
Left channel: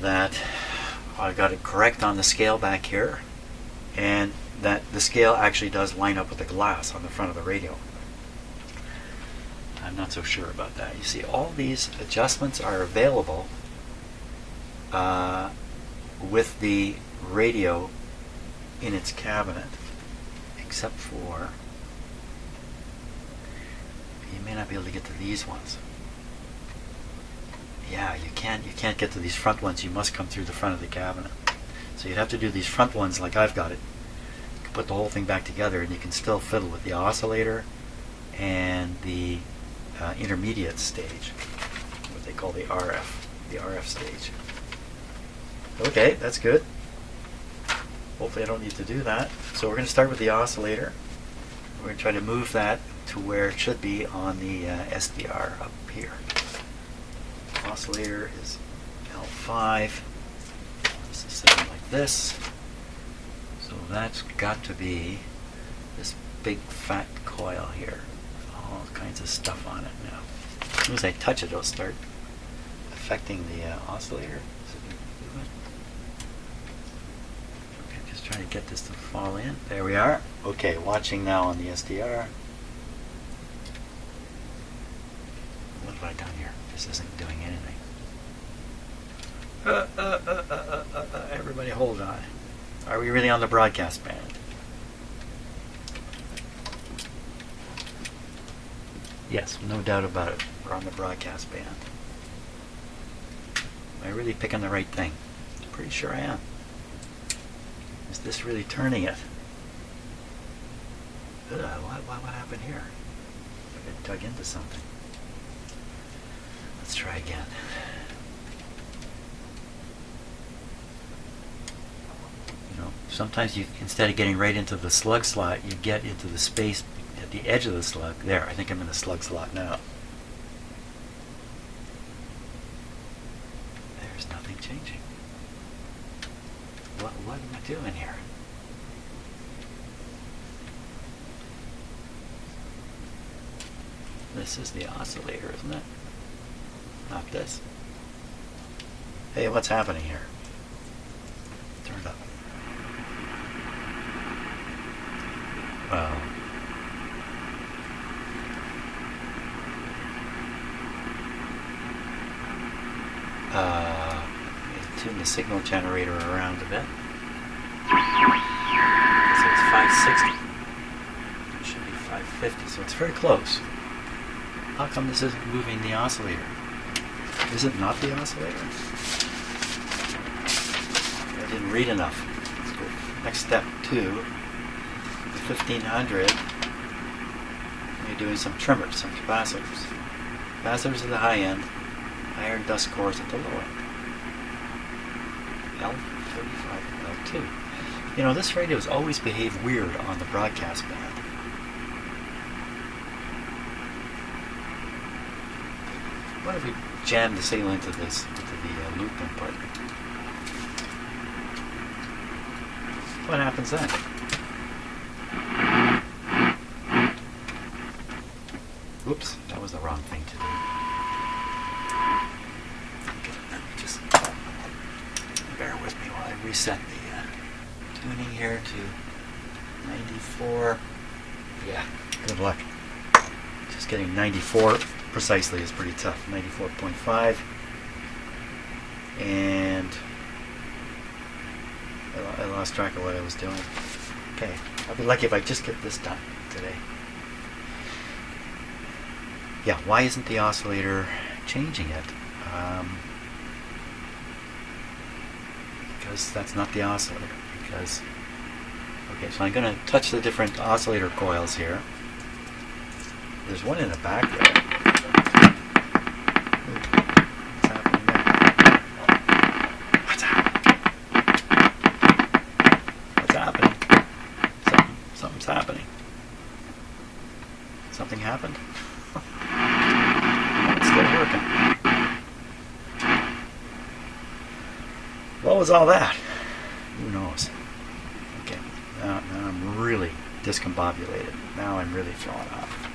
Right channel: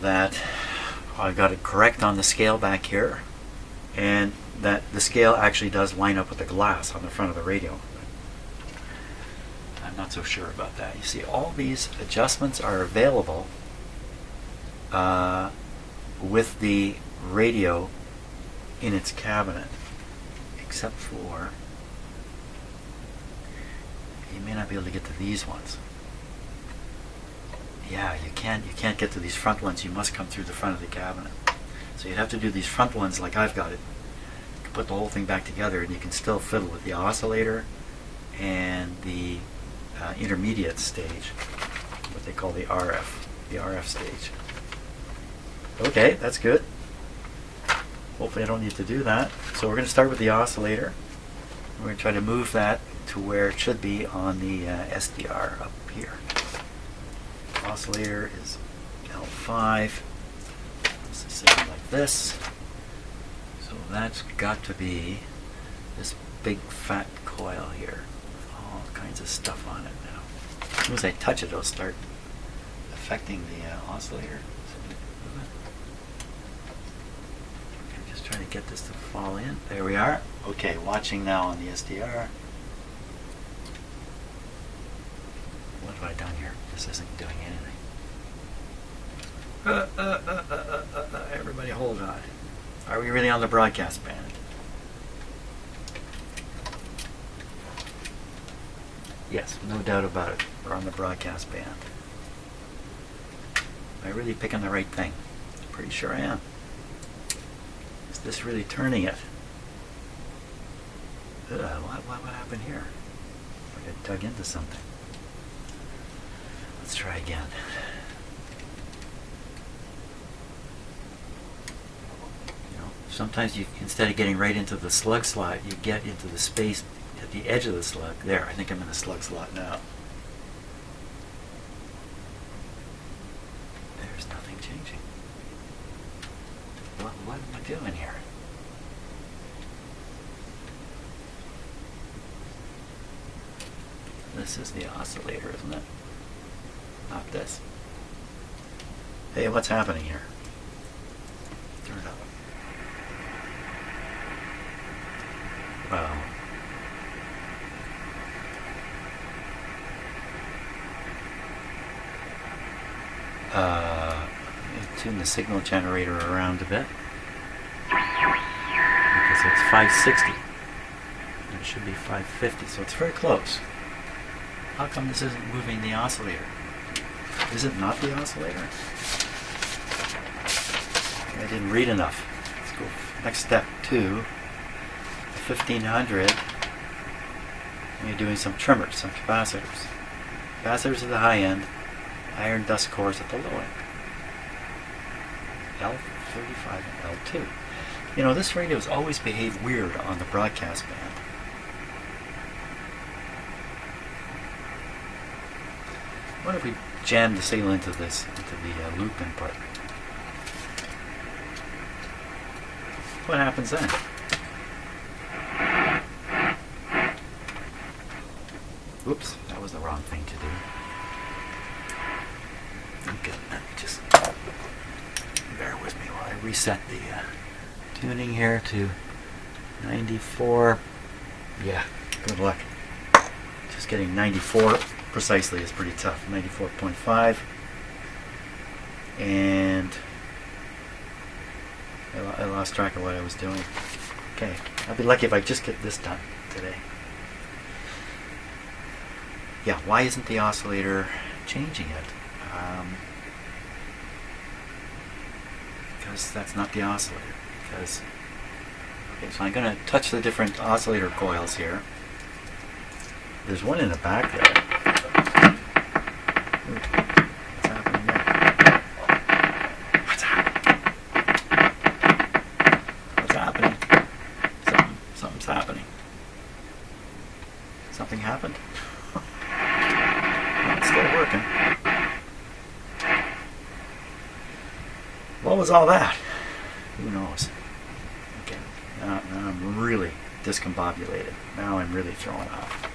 that I got it correct on the scale back here, and that the scale actually does line up with the glass on the front of the radio. I'm not so sure about that. You see, all these adjustments are available with the radio in its cabinet, except for, you may not be able to get to these ones. Yeah, you can't get to these front ones. You must come through the front of the cabinet. So you'd have to do these front ones like I've got it. You can put the whole thing back together, and you can still fiddle with the oscillator and the intermediate stage, what they call the RF stage. Okay, that's good. Hopefully I don't need to do that. So we're going to start with the oscillator. We're going to try to move that to where it should be on the SDR up here. Oscillator is L5. This is sitting like this. that's got to be this big fat coil here with all kinds of stuff on it now. As soon as I touch it, it'll start affecting the oscillator. Okay, I'm just trying to get this to fall in. There we are. Okay, watching now on the SDR. What have I done here? This isn't doing anything. Everybody hold on. Are we really on the broadcast band? Yes, no doubt about it. We're on the broadcast band. Am I really picking the right thing? Pretty sure I am. Is this really turning it? What happened here? Like I dug into something. Let's try again. You know, sometimes you, instead of getting right into the slug slot, you get into the space at the edge of the slug. There, I think I'm in the slug slot now. There's nothing changing. What am I doing here? This is the oscillator, isn't it? Not this. Hey, what's happening here? Turn it up. Well, tune the signal generator around a bit because it's 560. It should be 550, so it's very close. How come this isn't moving the oscillator? Is it not the oscillator? I didn't read enough. Let's go next step 2. The 1500. You're doing some trimmers, some capacitors. Capacitors at the high end, iron dust cores at the low end. L35 and L2. You know, this radio has always behaved weird on the broadcast band. What if we jam the signal into the loop input? What happens then? Oops, that was the wrong thing to do. Okay, let me just bear with me while I reset the tuning here to 94. Yeah, good luck. Just getting 94 precisely is pretty tough. 94.5. And I lost track of what I was doing. Okay, I'll be lucky if I just get this done today. Yeah, why isn't the oscillator changing it? Because that's not the oscillator. Because, okay, so I'm going to touch the different oscillator coils here. There's one in the back there. Ooh, what's happening there? What's happening? What's happening? Something's happening. Something happened? It's still working. What was all that? Who knows? Okay, now I'm really discombobulated. Now I'm really thrown off.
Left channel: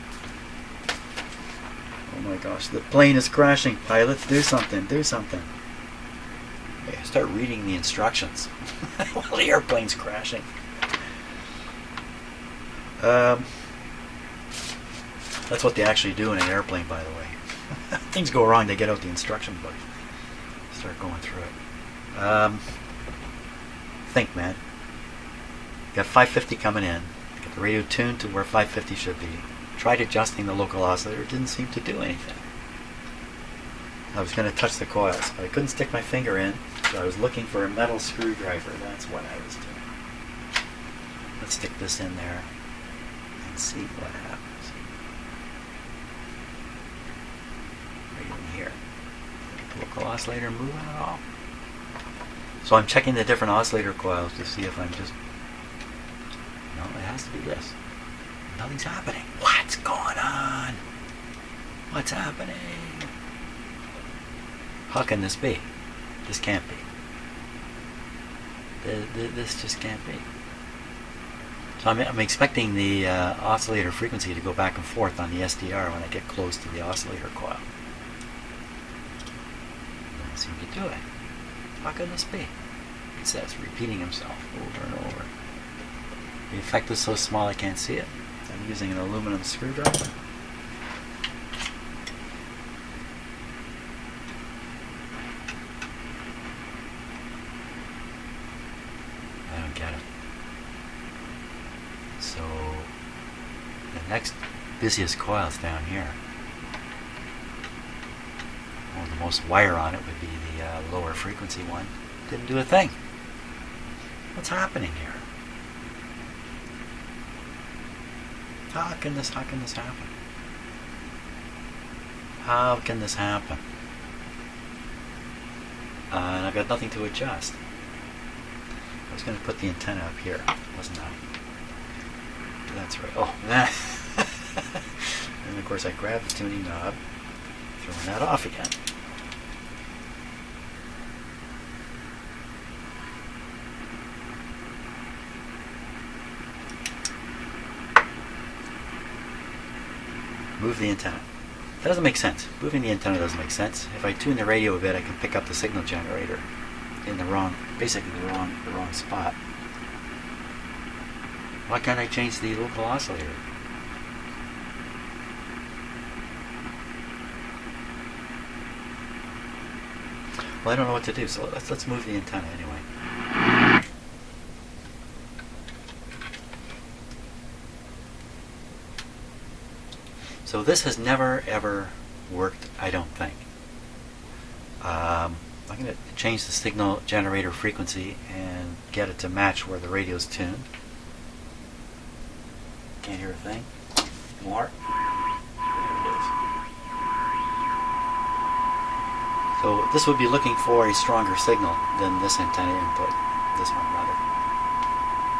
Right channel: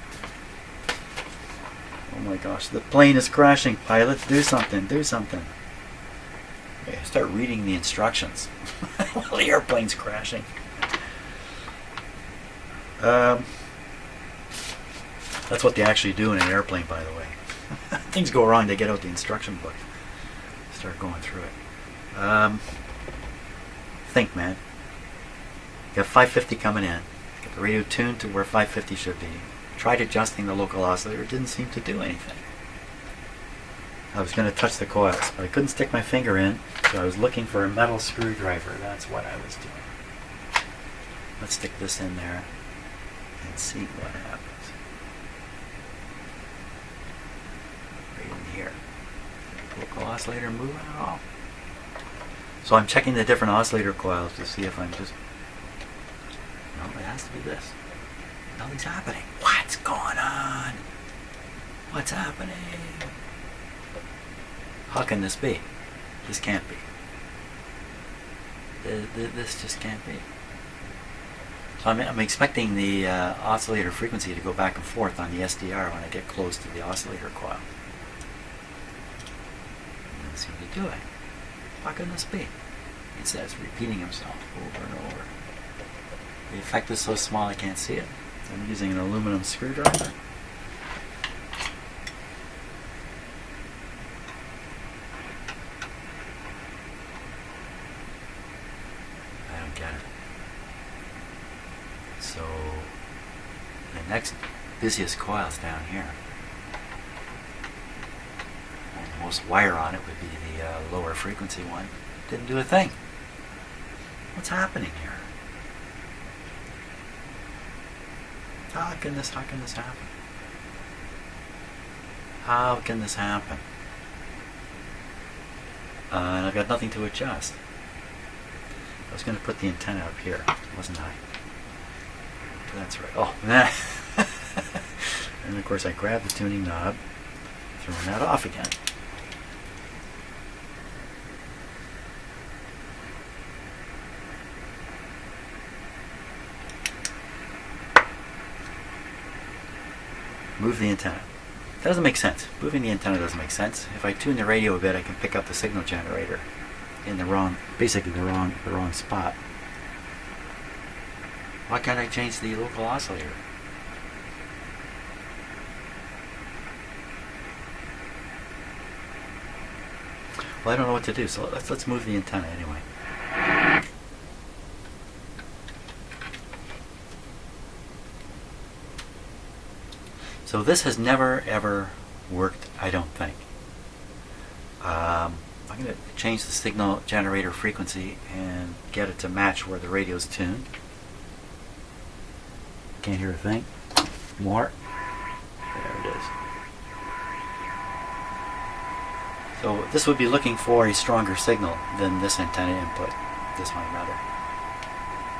Oh my gosh, the plane is crashing. Pilots, do something, do something. Okay, start reading the instructions while the airplane's crashing. That's what they actually do in an airplane, by the way. Things go wrong, they get out the instruction book. Start going through it. Think, man. You got 550 coming in. Get the radio tuned to where 550 should be. Tried adjusting the local oscillator. It didn't seem to do anything. I was going to touch the coils, but I couldn't stick my finger in, so I was looking for a metal screwdriver. That's what I was doing. Let's stick this in there and see what happens. Right in here. The local oscillator moving at all? So I'm checking the different oscillator coils to see if I'm just... No, it has to be this. Nothing's happening. What's going on? What's happening? How can this be? This can't be. This just can't be. So I'm expecting the oscillator frequency to go back and forth on the SDR when I get close to the oscillator coil. It doesn't seem to do it. How can this be? It says repeating himself over and over. The effect is so small I can't see it. I'm using an aluminum screwdriver. I don't get it. So the next busiest coil is down here. Well, the most wire on it would be the lower frequency one. Didn't do a thing. What's happening here? How can this happen? How can this happen? And I've got nothing to adjust. I was going to put the antenna up here, wasn't I? That's right. Oh, and of course I grabbed the tuning knob, throwing that off again. Move the antenna. That doesn't make sense. Moving the antenna doesn't make sense. If I tune the radio a bit, I can pick up the signal generator in the wrong, basically the wrong spot. Why can't I change the local oscillator? Well, I don't know what to do, so let's move the antenna anyway. So this has never ever worked, I don't think. I'm going to change the signal generator frequency and get it to match where the radio's tuned. Can't hear a thing. More. There it is. So this would be looking for a stronger signal than this antenna input. This one rather.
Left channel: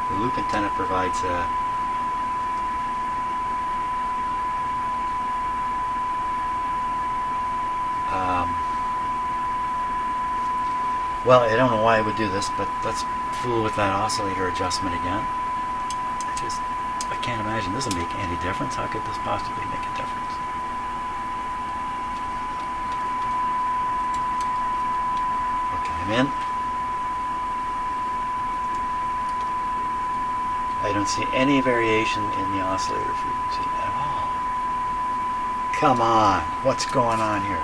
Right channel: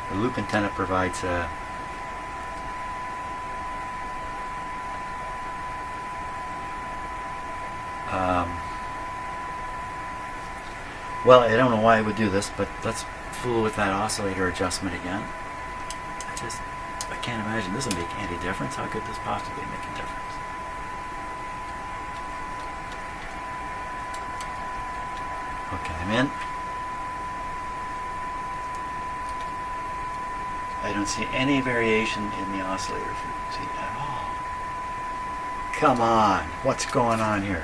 The loop antenna provides a well, I don't know why I would do this, but let's fool with that oscillator adjustment again. I can't imagine this will make any difference. How could this possibly make a difference? Okay, I'm in. I don't see any variation in the oscillator frequency at all. Come on, what's going on here?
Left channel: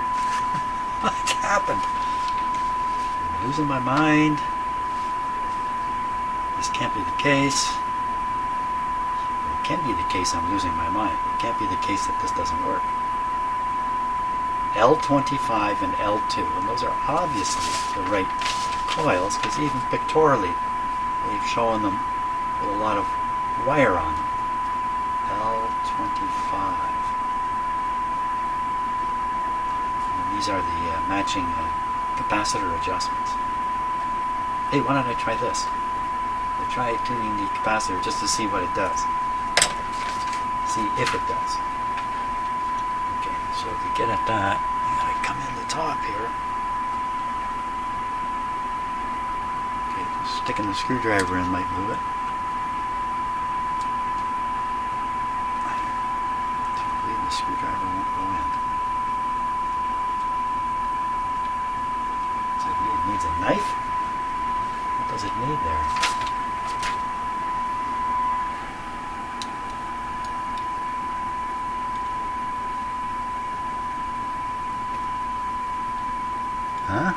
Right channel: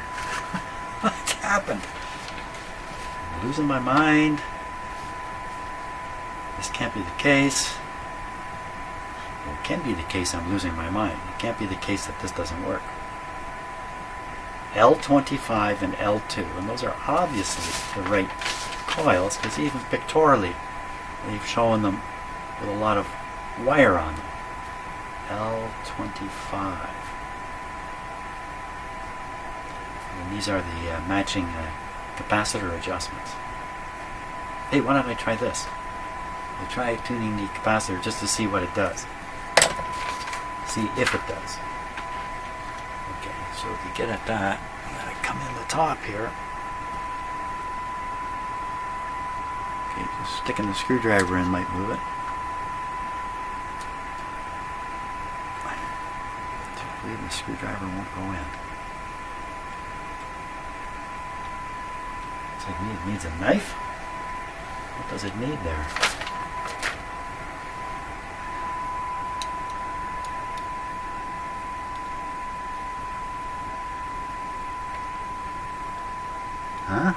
What's happened? I'm losing my mind. This can't be the case. Well, it can be the case I'm losing my mind. It can't be the case that this doesn't work. L25 and L2, and those are obviously the right coils, because even pictorially we've shown them with a lot of wire on them. L25. And these are the matching capacitor adjustments. Hey, why don't I try this? I try tuning the capacitor just to see what it does. See if it does. Okay, so to get at that, I'm going to come in the top here. Okay, just sticking the screwdriver in might move it. I believe the screwdriver won't go in. So it needs a knife? What does it need there? Huh?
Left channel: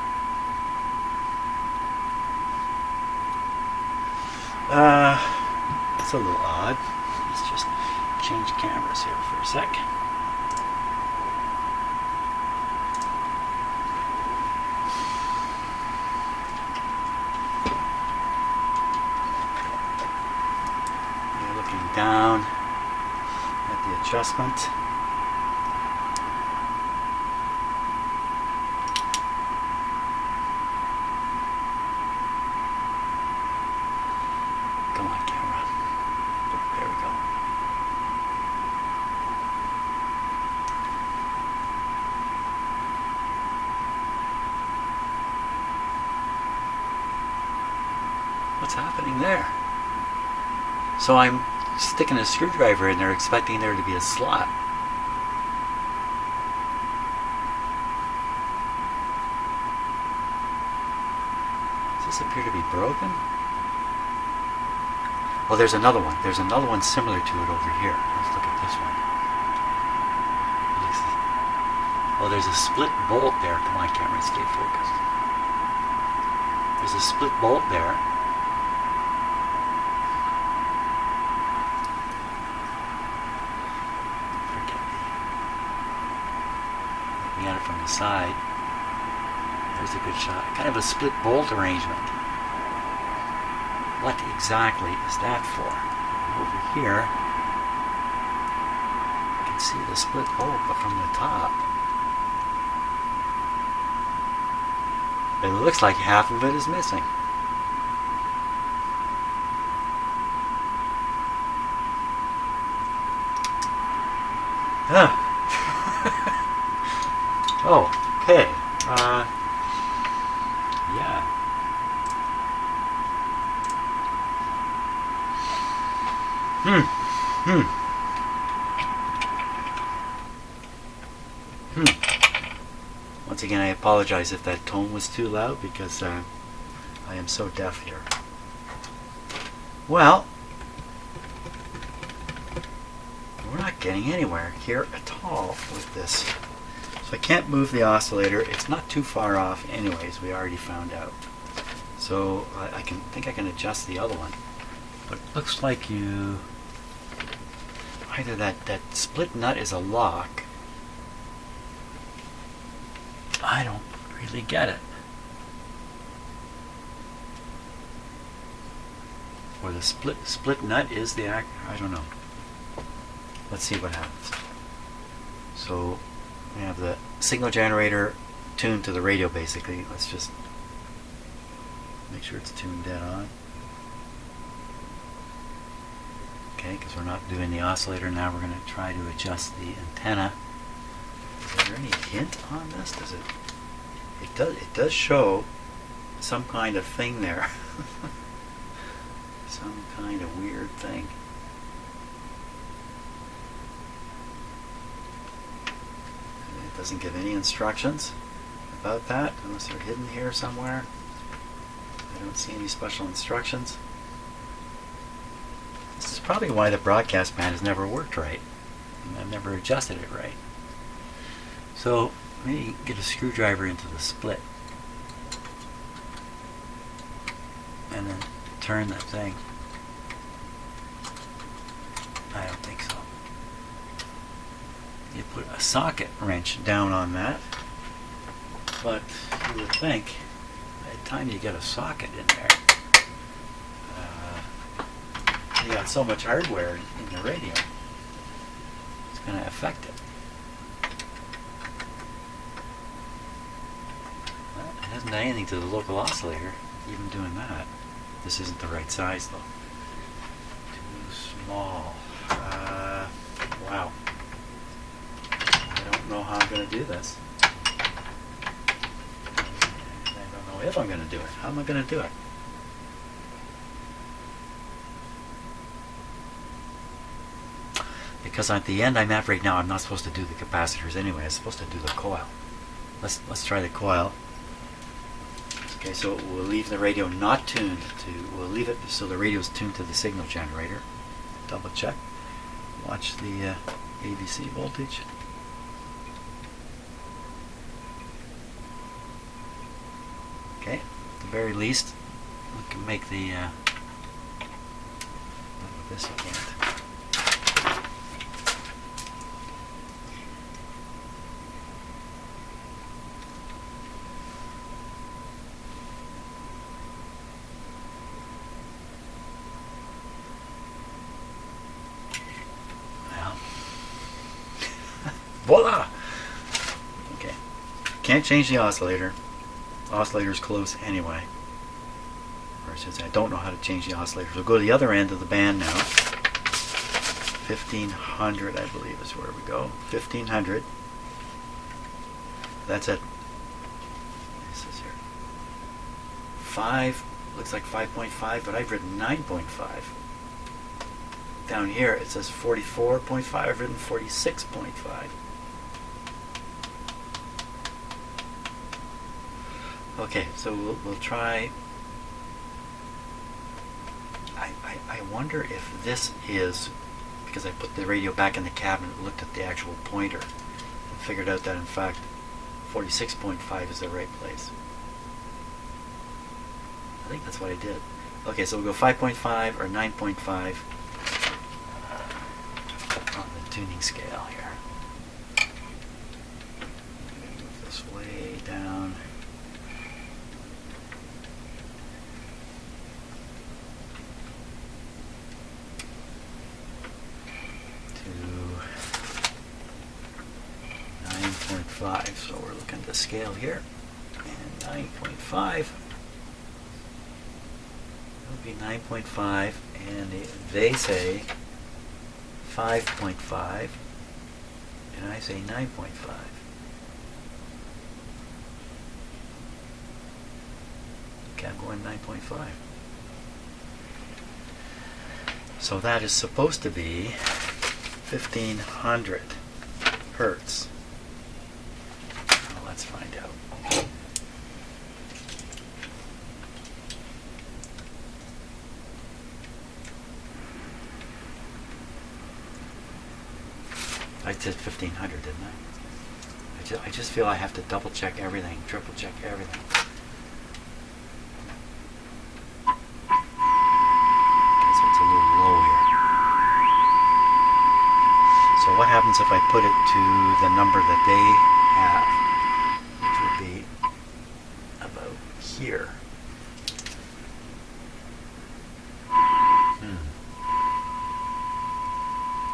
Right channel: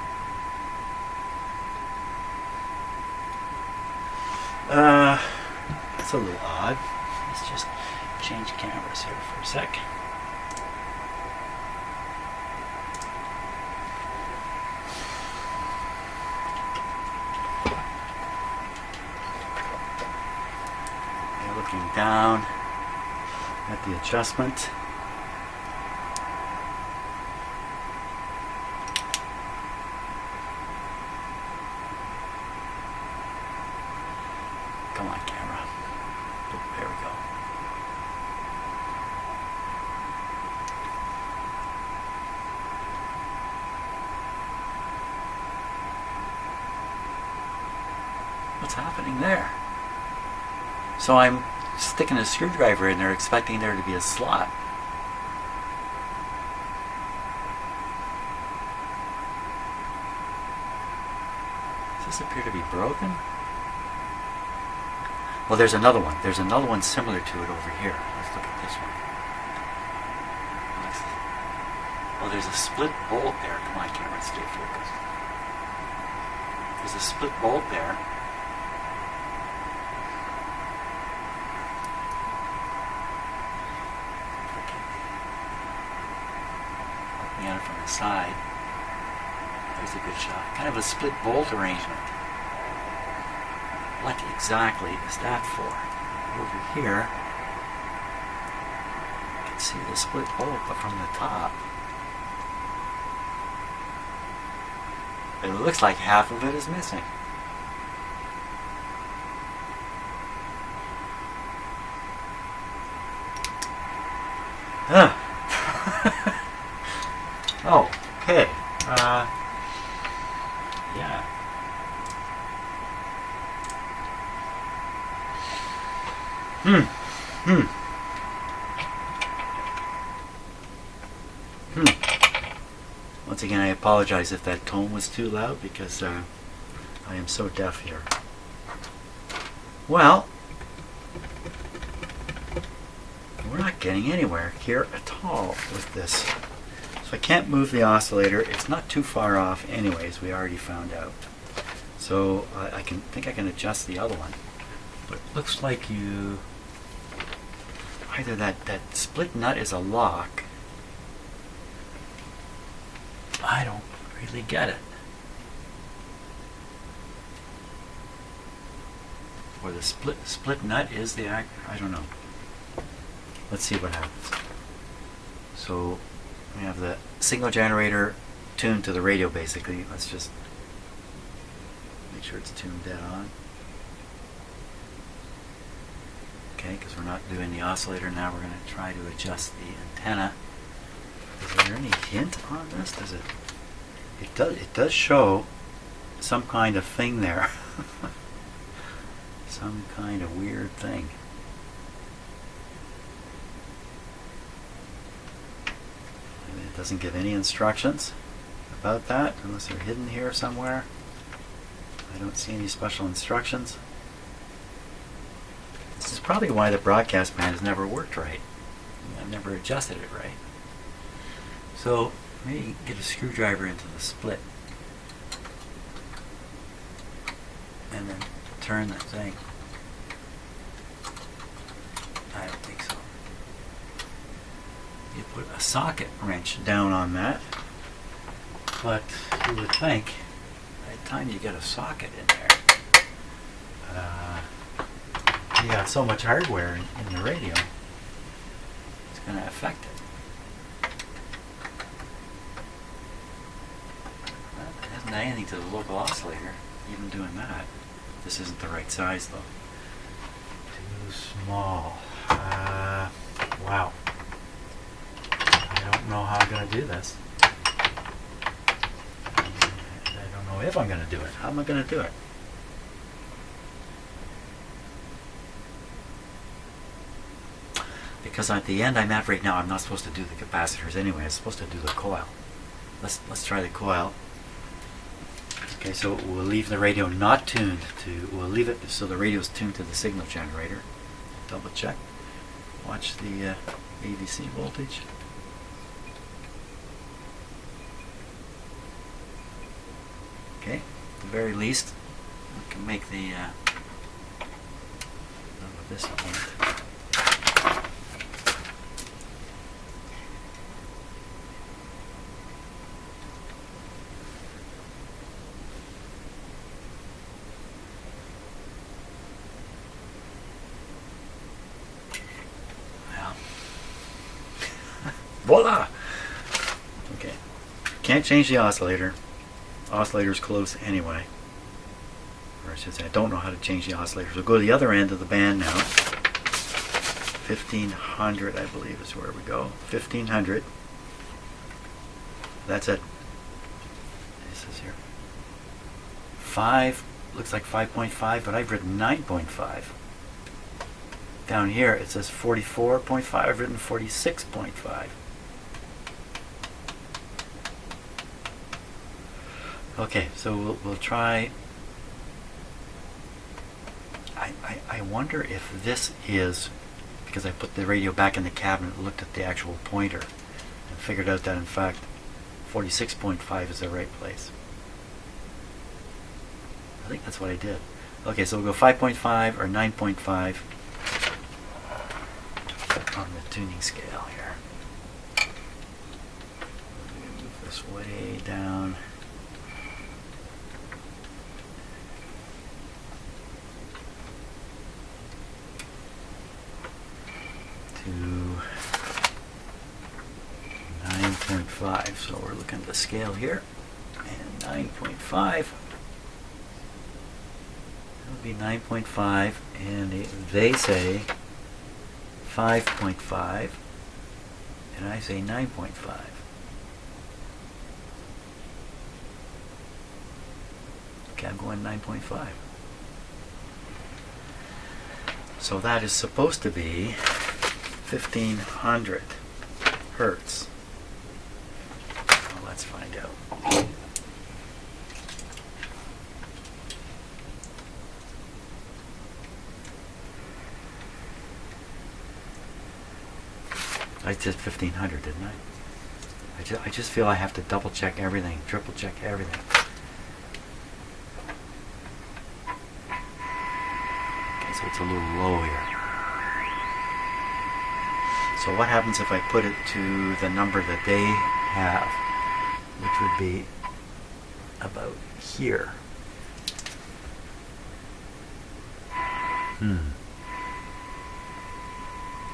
That's a little odd. Let's just change cameras here for a sec. You're looking down at the adjustment. Come on, camera. Oh, there we go. What's happening there? So I'm sticking a screwdriver in there expecting there to be a slot. Does this appear to be broken? Well, there's another one. There's another one similar to it over here. Let's look at this one. Well, there's a split bolt there. Come on, camera, stay focused. There's a split bolt there. Looking at it from the side, there's a good shot. Kind of a split bolt arrangement. What exactly is that for? Over here, you can see the split bolt, but from the top, it looks like half of it is missing. Ah. Oh, okay. Yeah. Once again, I apologize if that tone was too loud because I am so deaf here. Well, we're not getting anywhere here at all with this. So I can't move the oscillator. It's not too far off anyways, we already found out. So I think I can adjust the other one. But it looks like either that split nut is a lock. I don't really get it. Or the split nut is the I don't know. Let's see what happens. So we have the signal generator tuned to the radio basically. Let's just make sure it's tuned dead on. Okay, because we're not doing the oscillator now, we're going to try to adjust the antenna. Is there any hint on this? Does it? It does show some kind of thing there. Some kind of weird thing. And it doesn't give any instructions about that unless they're hidden here somewhere. I don't see any special instructions. This is probably why the broadcast band has never worked right. I've never adjusted it right. So maybe get a screwdriver into the split and then turn the thing. I don't think so. You put a socket wrench down on that, but you would think by the time you get a socket in there, you got so much hardware in the radio, it's going to affect it. Well, it hasn't done anything to the local oscillator, even doing that. This isn't the right size though. Too small. Wow. I don't know how I'm going to do this. I don't know if I'm going to do it. How am I going to do it? Because at the end I'm at right now, I'm not supposed to do the capacitors anyway. I'm supposed to do the coil. Let's try the coil. Okay, so we'll leave the radio not tuned to, we'll leave it so the radio is tuned to the signal generator. Double check. Watch the AVC voltage. Okay, at the very least, we can make the, not with this you can't. Voila! Okay. Can't change the oscillator. Oscillator's close anyway. Or I should say, I don't know how to change the oscillator. So go to the other end of the band now. 1500, I believe, is where we go. 1500. That's it. This is here. 5, looks like 5.5, but I've written 9.5. down here it says 44.5. I've written 46.5. Okay, so we'll try. I wonder if this is because I put the radio back in the cabinet and looked at the actual pointer and figured out that in fact 46.5 is the right place. I think that's what I did. Okay, so we'll go 5.5 or 9.5 on the tuning scale here. Move this way down. To 9.5. So we're looking at the scale here. And 9.5. That would be 9.5. And they say 5.5. And I say 9.5. Okay, I'm going 9.5. So that is supposed to be 1500 hertz. Well, let's find out. I did 1500, didn't I? I just feel I have to double check everything, triple check everything. Okay, so it's a little low here. So what happens if I put it to the number that they have, which would be about here?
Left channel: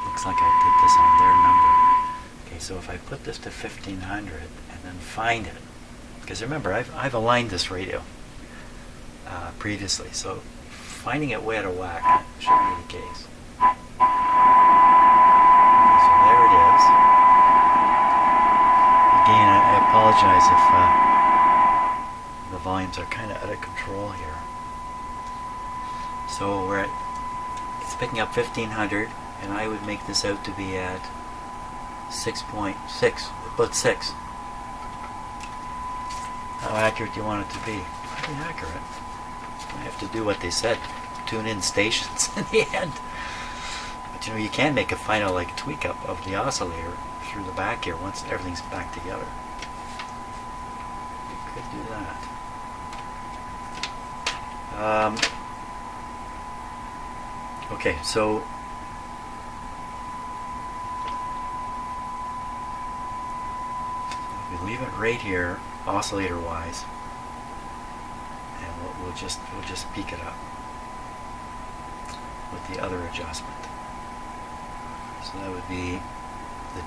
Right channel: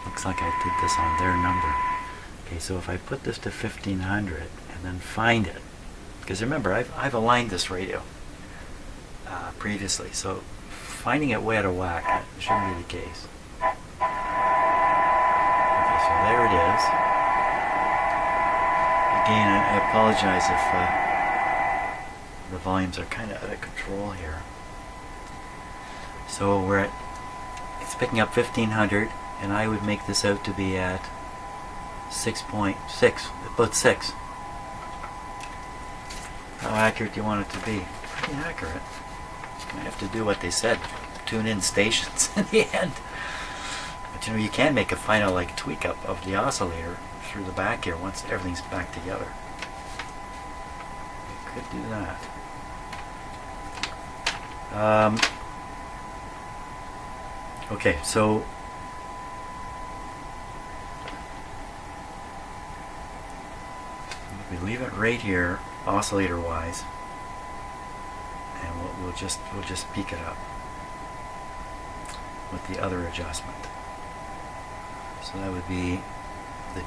Looks like I did this on their number. Okay, so if I put this to 1500 and then find it, because remember I've aligned this radio previously, so finding it way out of whack shouldn't be the case. So there it is. Again, I apologize if the volumes are kind of out of control here. So it's picking up 1500, and I would make this out to be at 6.6, about 6. How accurate do you want it to be? Pretty accurate. I have to do what they said, tune in stations in the end. But you can make a final tweak up of the oscillator through the back here once everything's back together. You could do that. Okay, so we leave it right here, oscillator wise, and we'll just peak it up with the other adjustment. So that would be the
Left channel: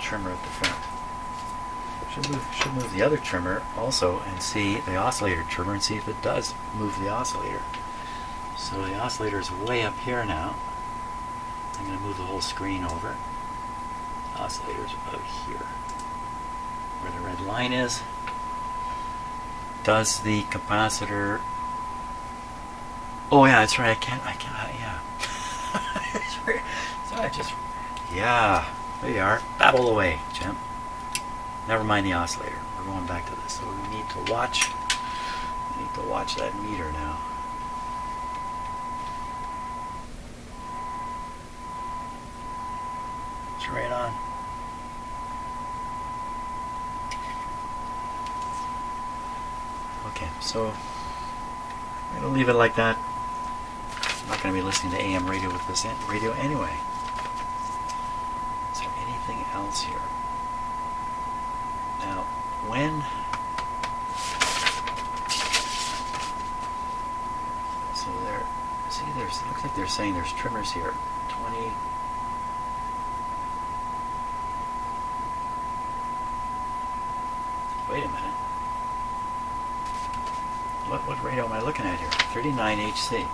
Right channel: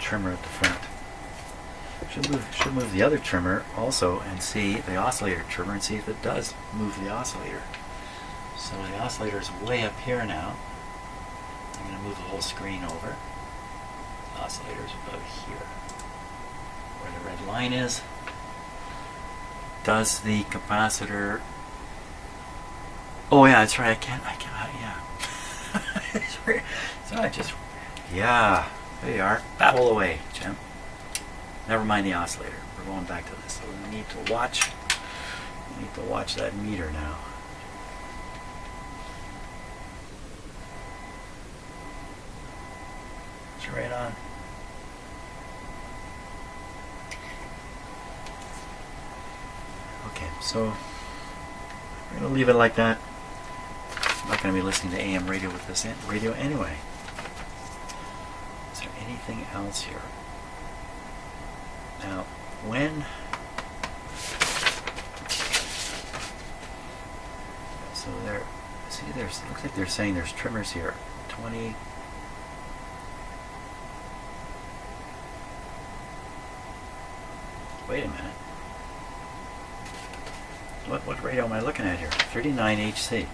trimmer at the front. Should move the other trimmer also and see the oscillator trimmer and see if it does move the oscillator. So the oscillator is way up here now. I'm going to move the whole screen over. The oscillator is about here, where the red line is. Does the capacitor? Oh yeah, that's right. I can't. Yeah. So I just. Yeah. There you are. Babble away, Jim. Never mind the oscillator. We're going back to this. So we need to watch. We need to watch that meter now. It's right on. Okay, so I'm going to leave it like that. I'm not going to be listening to AM radio with this radio anyway. Is there anything else here? Now, so there, see, it looks like they're saying there's trimmers here. 20. Wait a minute. What radio am I looking at here? 39 HC.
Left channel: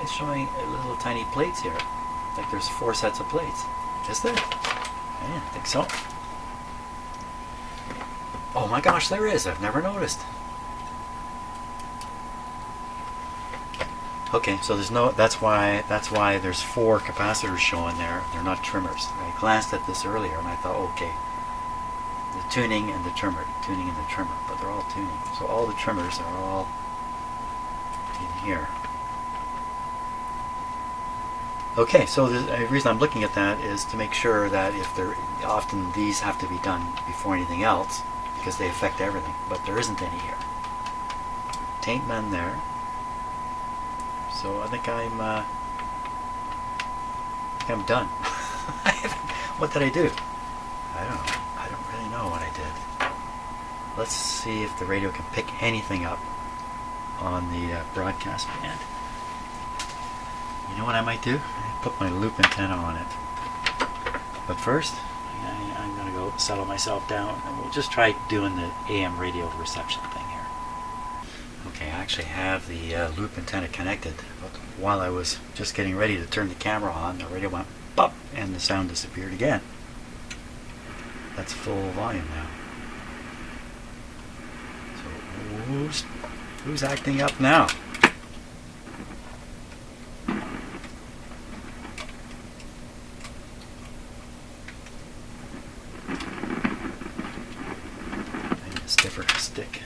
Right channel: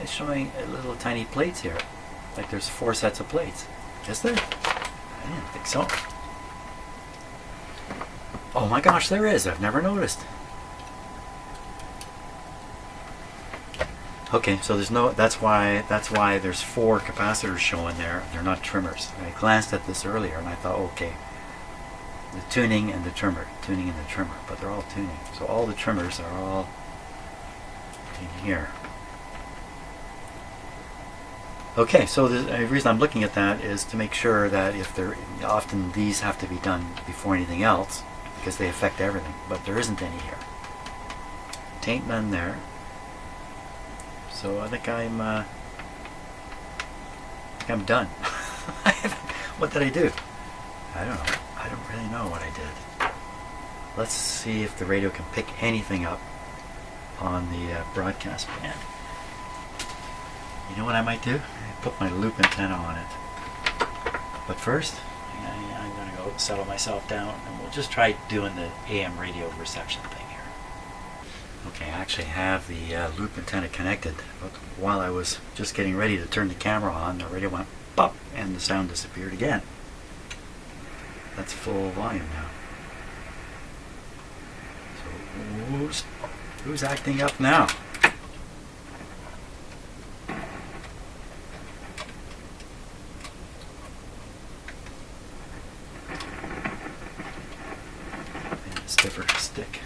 It's showing little tiny plates here. Like there's 4 sets of plates. Is there? I didn't think so. Oh my gosh, there is. I've never noticed. Okay, so that's why there's 4 capacitors showing there. They're not trimmers. I glanced at this earlier and I thought, okay, the tuning and the trimmer, but they're all tuning. So all the trimmers are all in here. Okay, so the reason I'm looking at that is to make sure that often these have to be done before anything else because they affect everything, but there isn't any here. Tain't none there. So I think I'm done. What did I do? I don't know. I don't really know what I did. Let's see if the radio can pick anything up on the broadcast band. You know what I might do? Put my loop antenna on it. But first, I'm going to go settle myself down and we'll just try doing the AM radio reception thing here. Okay, I actually have the loop antenna connected, but while I was just getting ready to turn the camera on, the radio went pop and the sound disappeared again. That's full volume now. So who's acting up now? I need a stiffer stick.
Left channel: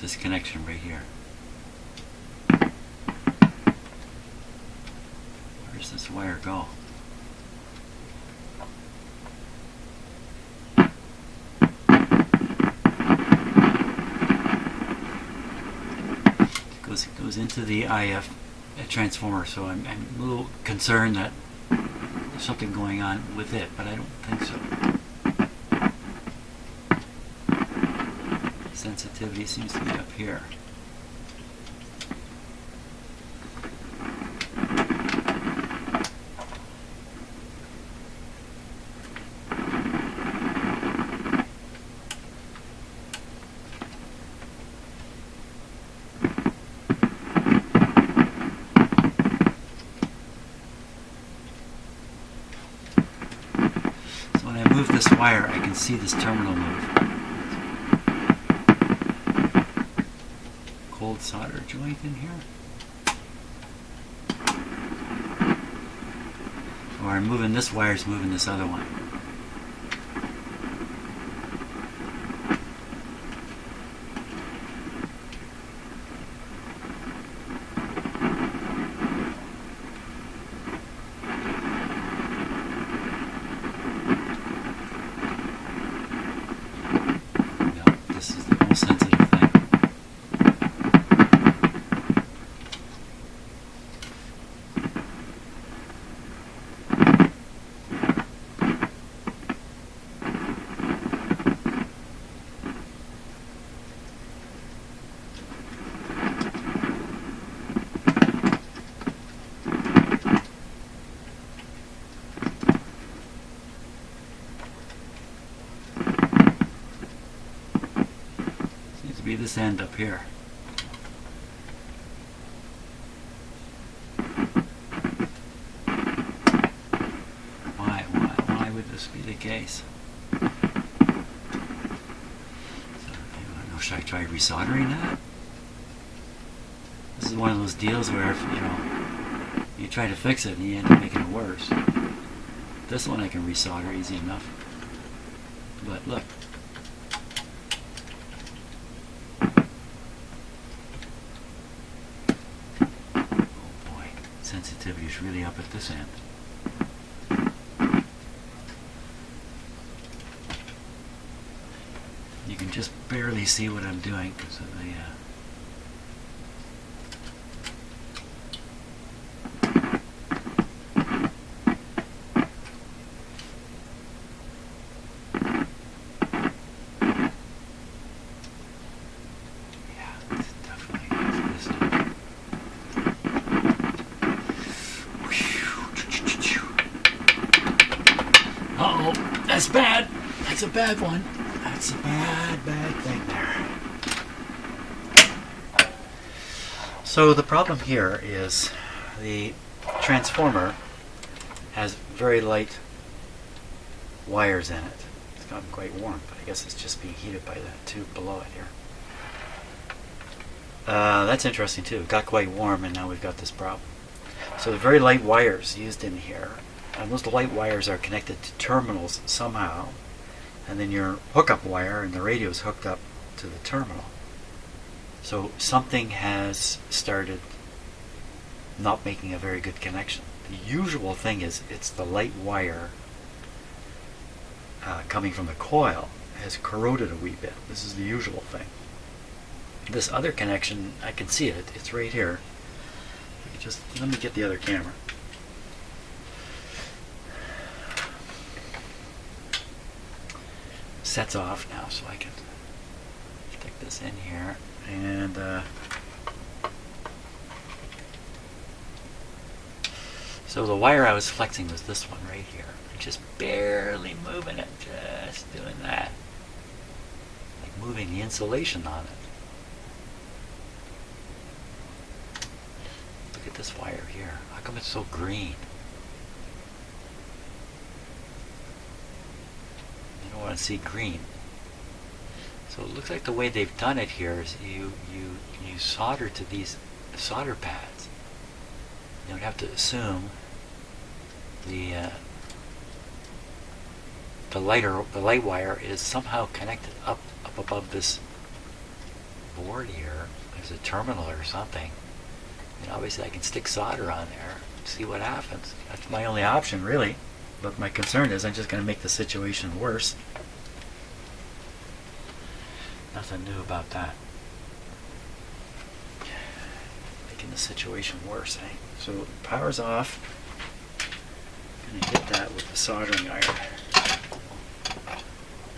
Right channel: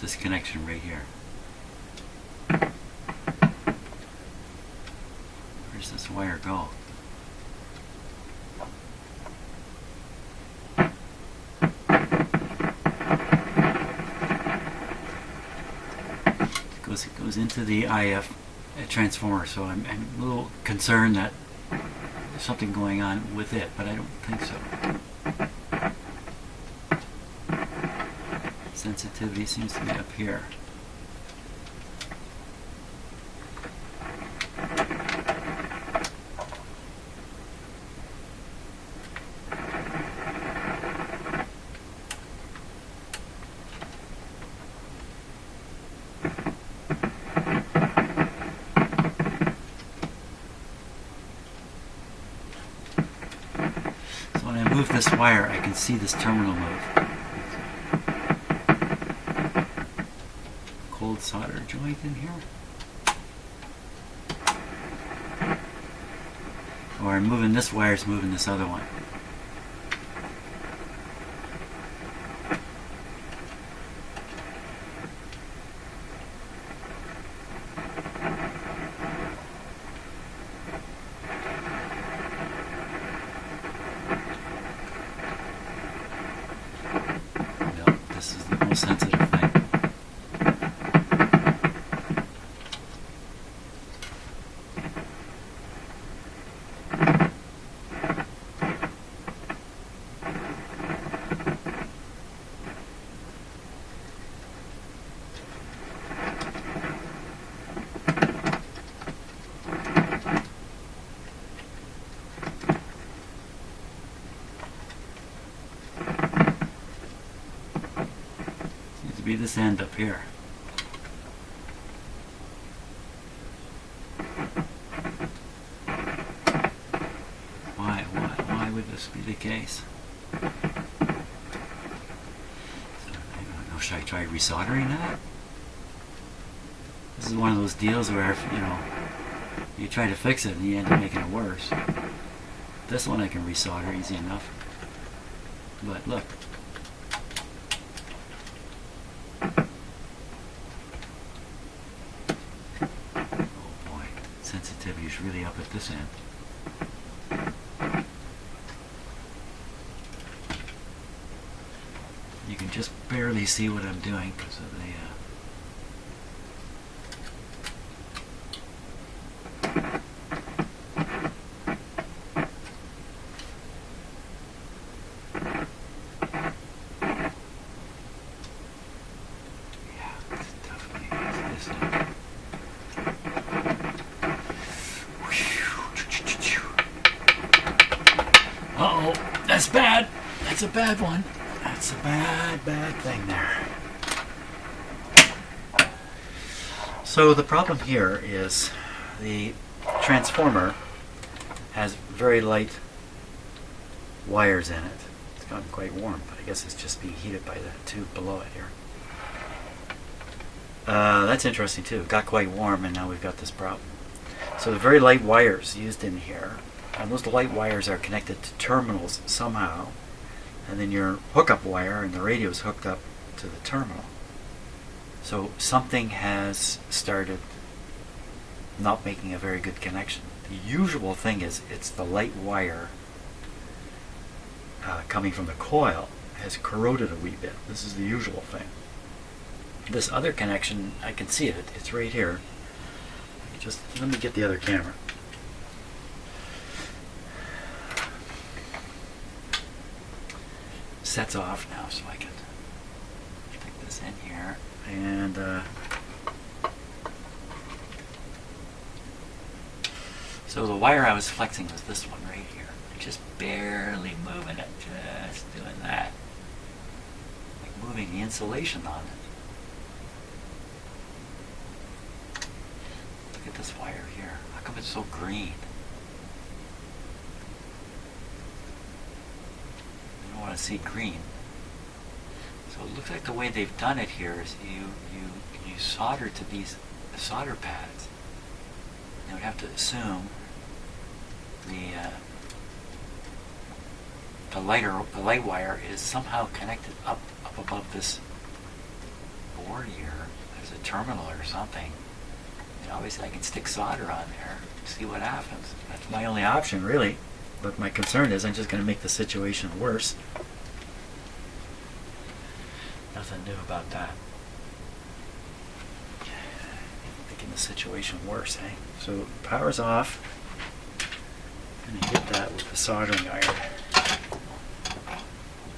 This connection right here. Where does this wire go? It goes into the IF transformer, so I'm a little concerned that there's something going on with it, but I don't think so. Sensitivity seems to be up here. So when I move this wire, I can see this terminal move. Cold solder joint in here. Or I'm moving this wire, is moving this other one. this end up here. Why would this be the case? So, I don't know, should I try resoldering that? This is one of those deals where, you try to fix it and you end up making it worse. This one I can resolder easy enough. But look. Oh boy, sensitivity is really up at this end. You can just barely see what I'm doing because of the uh-oh, that's bad. That's a bad one. That's a bad thing there. So the problem here is the transformer has very light wires in it. It's gotten quite warm, but I guess it's just being heated by the tube below it here. That's interesting too. It got quite warm and now we've got this problem. So the very light wires used in here, and those light wires are connected to terminals somehow, and then your hookup wire and the radio is hooked up to the terminal. So something has started not making a very good connection. The usual thing is it's the light wire coming from the coil has corroded a wee bit. This is the usual thing. This other connection, I can see it. It's right here. Just let me get the other camera. Sets off now, so I can stick this in here and so the wire I was flexing was this one right here. I'm just barely moving it, just doing that, like moving the insulation on it. Look at this wire here. How come it's so green? I don't want to see green. So it looks like the way they've done it here is you solder to these solder pads. You would have to assume the light wire is somehow connected up above this board here. There's a terminal or something. And obviously I can stick solder on there and see what happens. That's my only option, really. But my concern is I'm just going to make the situation worse. Nothing new about that. Making the situation worse, eh? So power's off. I'm going to hit that with the soldering iron.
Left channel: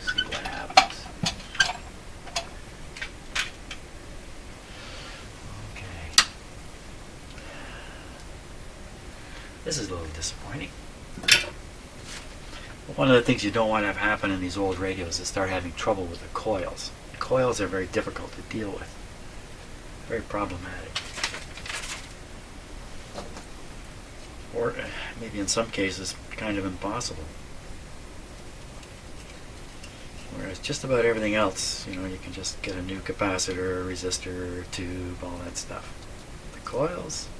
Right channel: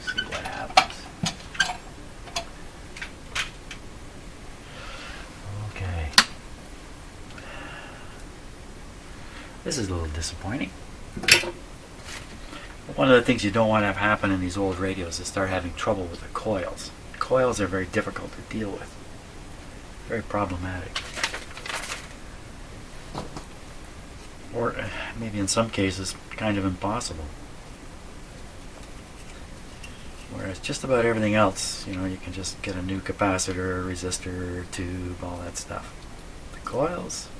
See what happens. Okay. This is a little disappointing. One of the things you don't want to have happen in these old radios is start having trouble with the coils. Coils are very difficult to deal with. Very problematic. Or maybe in some cases kind of impossible. Whereas just about everything else, you can just get a new capacitor, resistor, tube, all that stuff. The coils?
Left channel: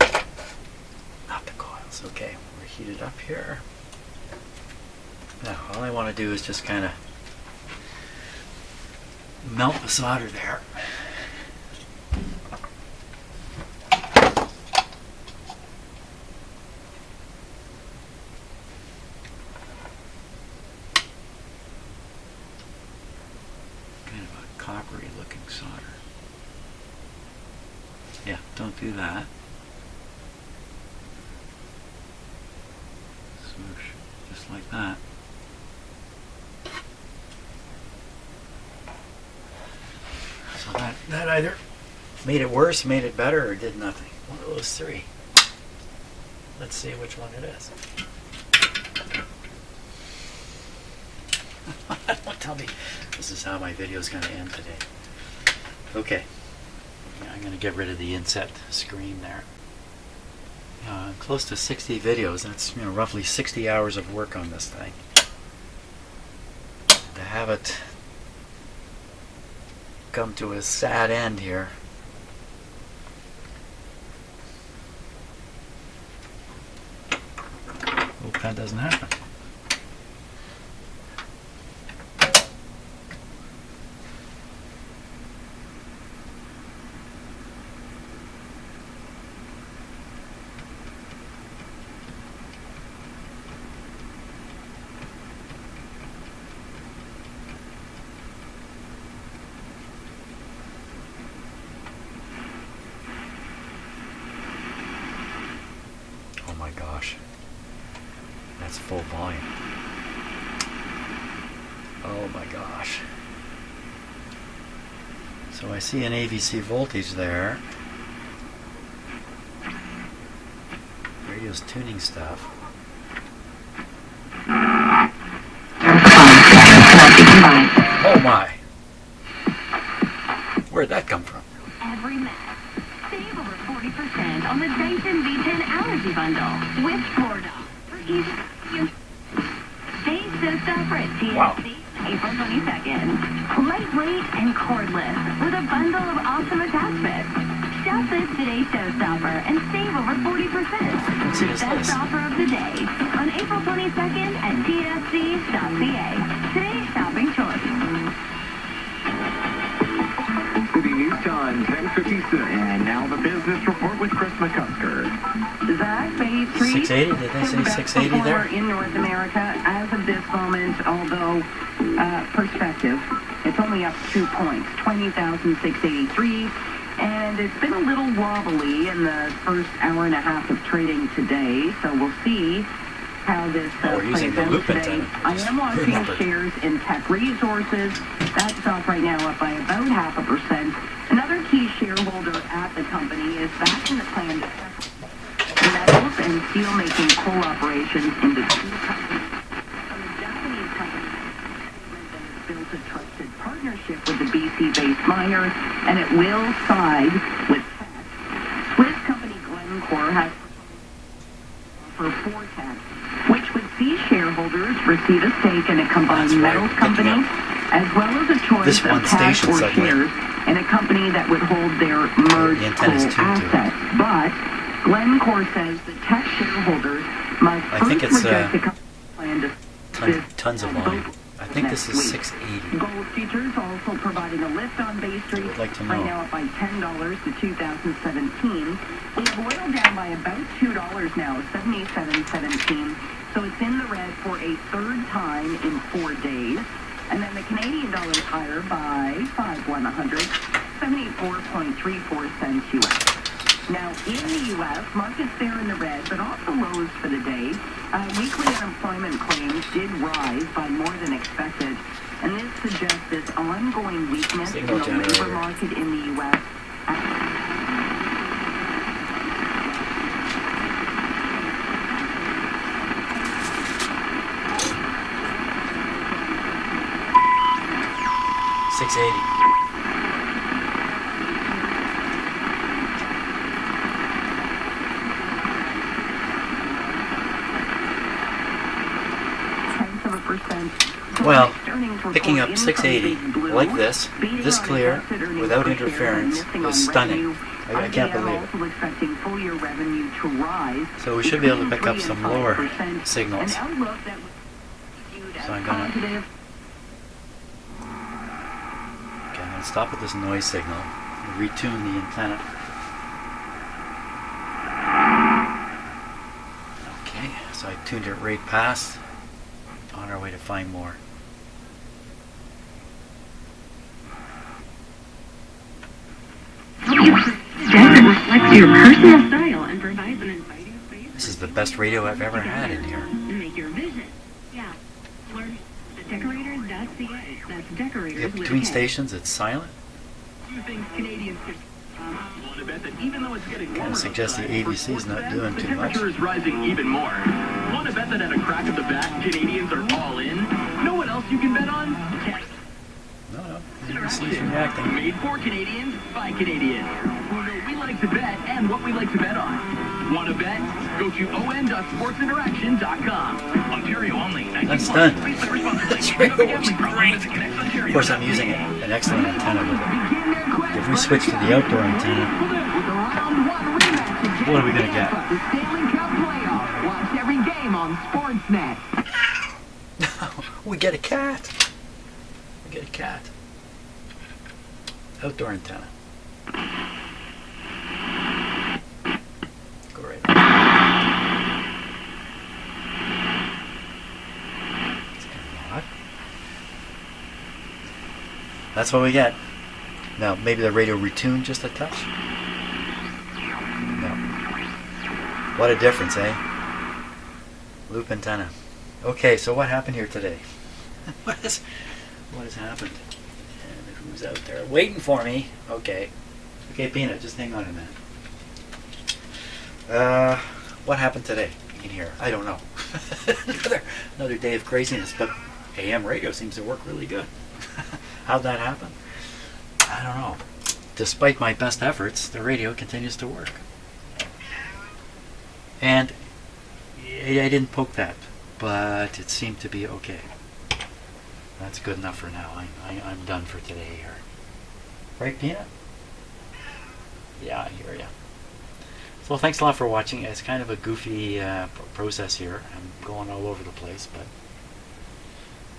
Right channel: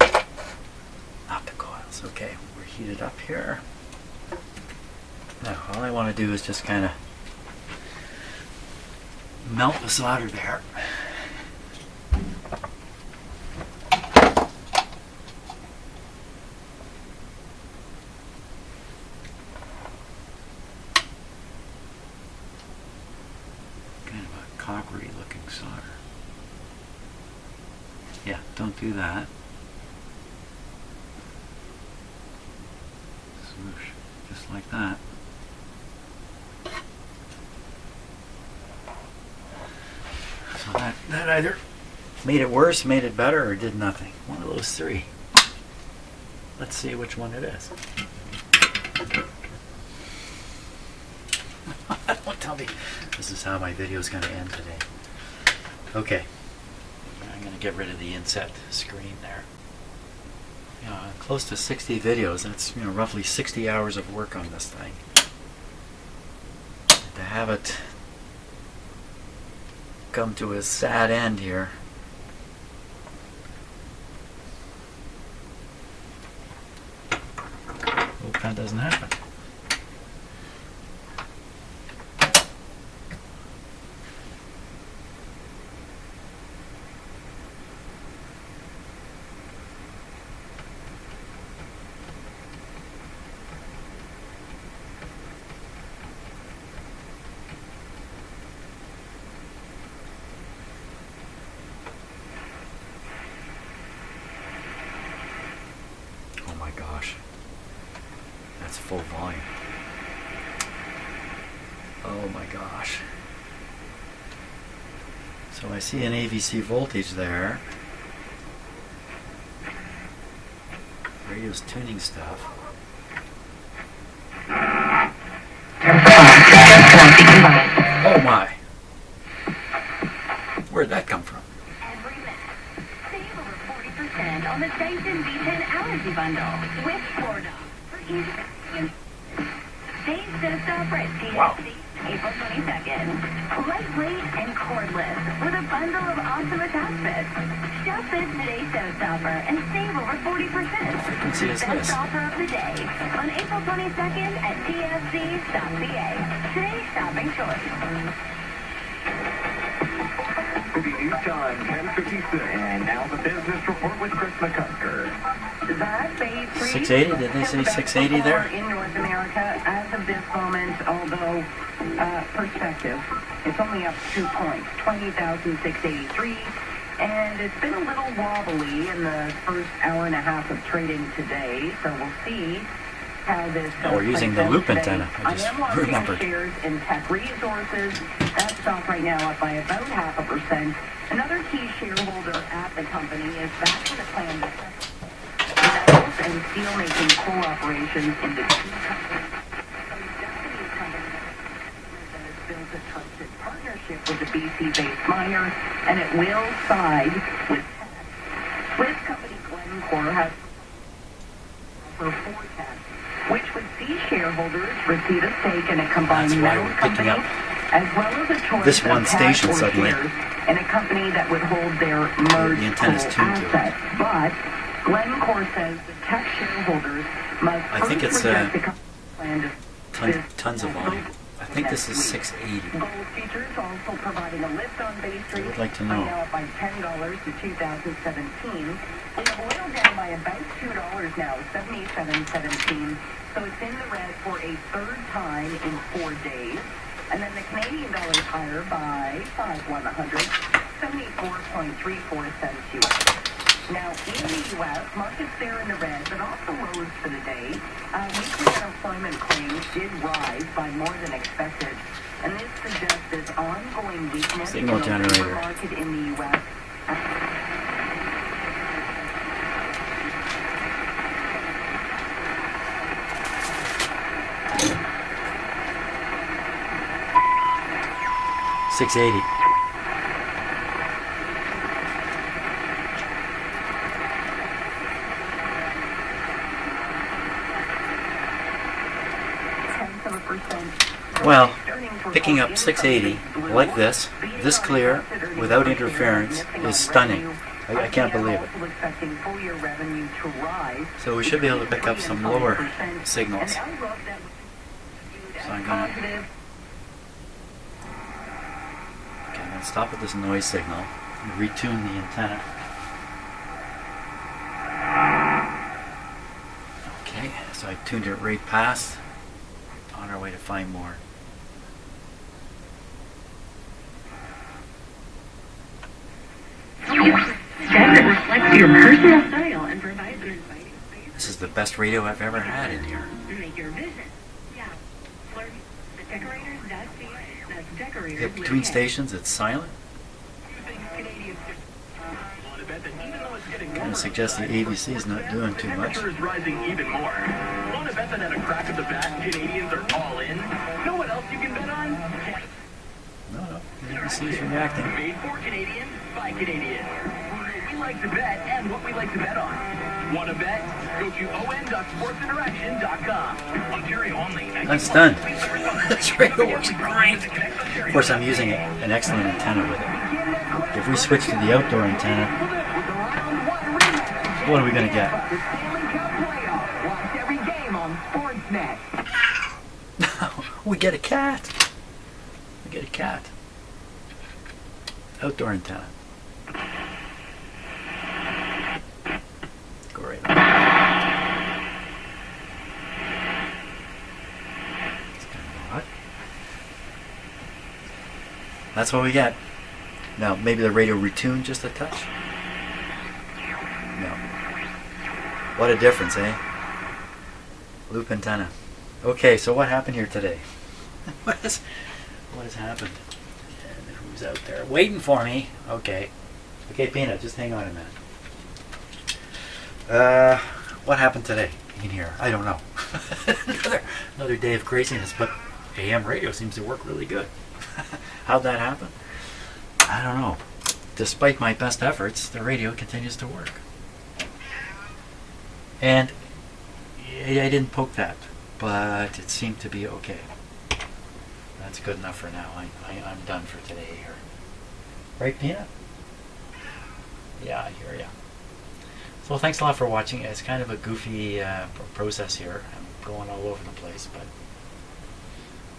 Not the coils. Okay, we're heated up here. Now, all I want to do is just kind of melt the solder there. Kind of a coppery looking solder. Yeah, don't do that. Swoosh, just like that. So that either made it worse, made it better, or did nothing. One of those three. Let's see which one it is. I don't Tell me this is how my video is going to end today. Okay. I'm going to get rid of the inset screen there. Close to 60 videos. That's roughly 60 hours of work on this thing. And to have it come to a sad end here. Hope that doesn't happen. Oh my gosh. That's full volume. Oh my gosh. So I see an AVC voltage there. Radio's tuning stuff. Oh my! Where'd that come from? Every minute. Save over 40% on the Dyson V10 Allergy Bundle with Florida. For easy Days just over at TSC, Wow. April 22nd. Lightweight and cordless with a bundle of awesome attachments. Shop this today's showstopper and save over 40%. Frequency is Best this? offer of the day on April 22nd at tsc.ca. Today's shopping choice. City News Time, 10:56. And now the business report with Chris McCusker. That phase 3 680? Did they say 680 there? in North America as of this moment, although perspective, it's only up 2 points, 20,683. And it's been a little wobbly in the first hour and a half of trading today, so we'll see how this We're using the plays out loop today. antenna. I I just am watching remembered. shares in Tech Resources. That's off right now up by about 0.5%. Another key shareholder at the company is back in the plan to metals and steel-making coal operations into two companies. A Japanese company that has built a trusted partnership with the BC-based miner, and it will side with Teck. Swiss company Glencore has for forecast, which would see shareholders receive a stake in a combined That's why metals we're picking company, as well as a choice this of one cash station or suddenly. shares in a company that would hold their merged The antenna's coal tuned to it. assets. But Glencore says the Teck shareholders must I think first it's, reject the company's plan to Tons of volume. I think this is 680. Gold futures also providing a lift on Bay Street. would like to Right know. now up by $10 to 2017. We have oil down by about $2 now, 77.17. So it's in the red for a third time in 4 days. And then the Canadian dollar is higher by 5/100, 74.34 cents US. Now, in the U.S., markets there in the red, but off the lows for the day. Weekly unemployment claims did rise by more than expected, and this suggests this ongoing weakness Signal in the generator. labor market in the U.S. $680. Well, picking up 680 like this clear, without interference, is stunning. I can't believe it. So we should be able to pick up some lower signals. So I'm gonna stop at this noise signal and retune the antenna. Okay, so I tuned it right past. On our way to find more. Reflects your personal style and provides an inviting space. This is the best radio I've ever had in here. Make your visit. Yeah. Learn at decorators.ca. That's decorators Yeah, with between a K. stations, it's silent. You think Canadians could want to bet that even though it's getting Kind warmer of suggests the outside, ABC's for not doing the too much. temperature is rising even more. Want to bet that at a crack of the bat, Canadians are all in? Know what else you can bet on? He's reacting. Made for Canadians by Canadians. Who know we like to bet and what we like to bet on. Want to bet? Go to on.sportsinteraction.com. Ontario only. That's done. That's works great. Of course, I'm using an excellent antenna with it. If we switch to the outdoor antenna, what are we going to get? The Stanley Cup playoff. Watch every game on Sportsnet. We get a cat. We get a cat. Outdoor antenna. Go right on. It's kind of odd. That's what we get. Now, maybe the radio retuned just a touch? No. What a difference, eh? Loop antenna. Okay, so what happened here today? what has happened? And who's out there waiting for me? Okay. Okay, Peanut, just hang on a minute. What happened today in here? I don't know. another day of craziness, but AM radio seems to work really good. How'd that happen? I don't know. Despite my best efforts, the radio continues to work. And I didn't poke that, but it seemed to be okay. That's good enough for now. I'm done for today here. Right, Peanut? Yeah, I hear ya. So thanks a lot for watching. It's kind of a goofy process here. I'm going all over the place, but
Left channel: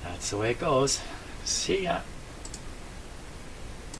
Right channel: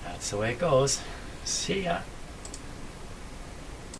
that's the way it goes. See ya.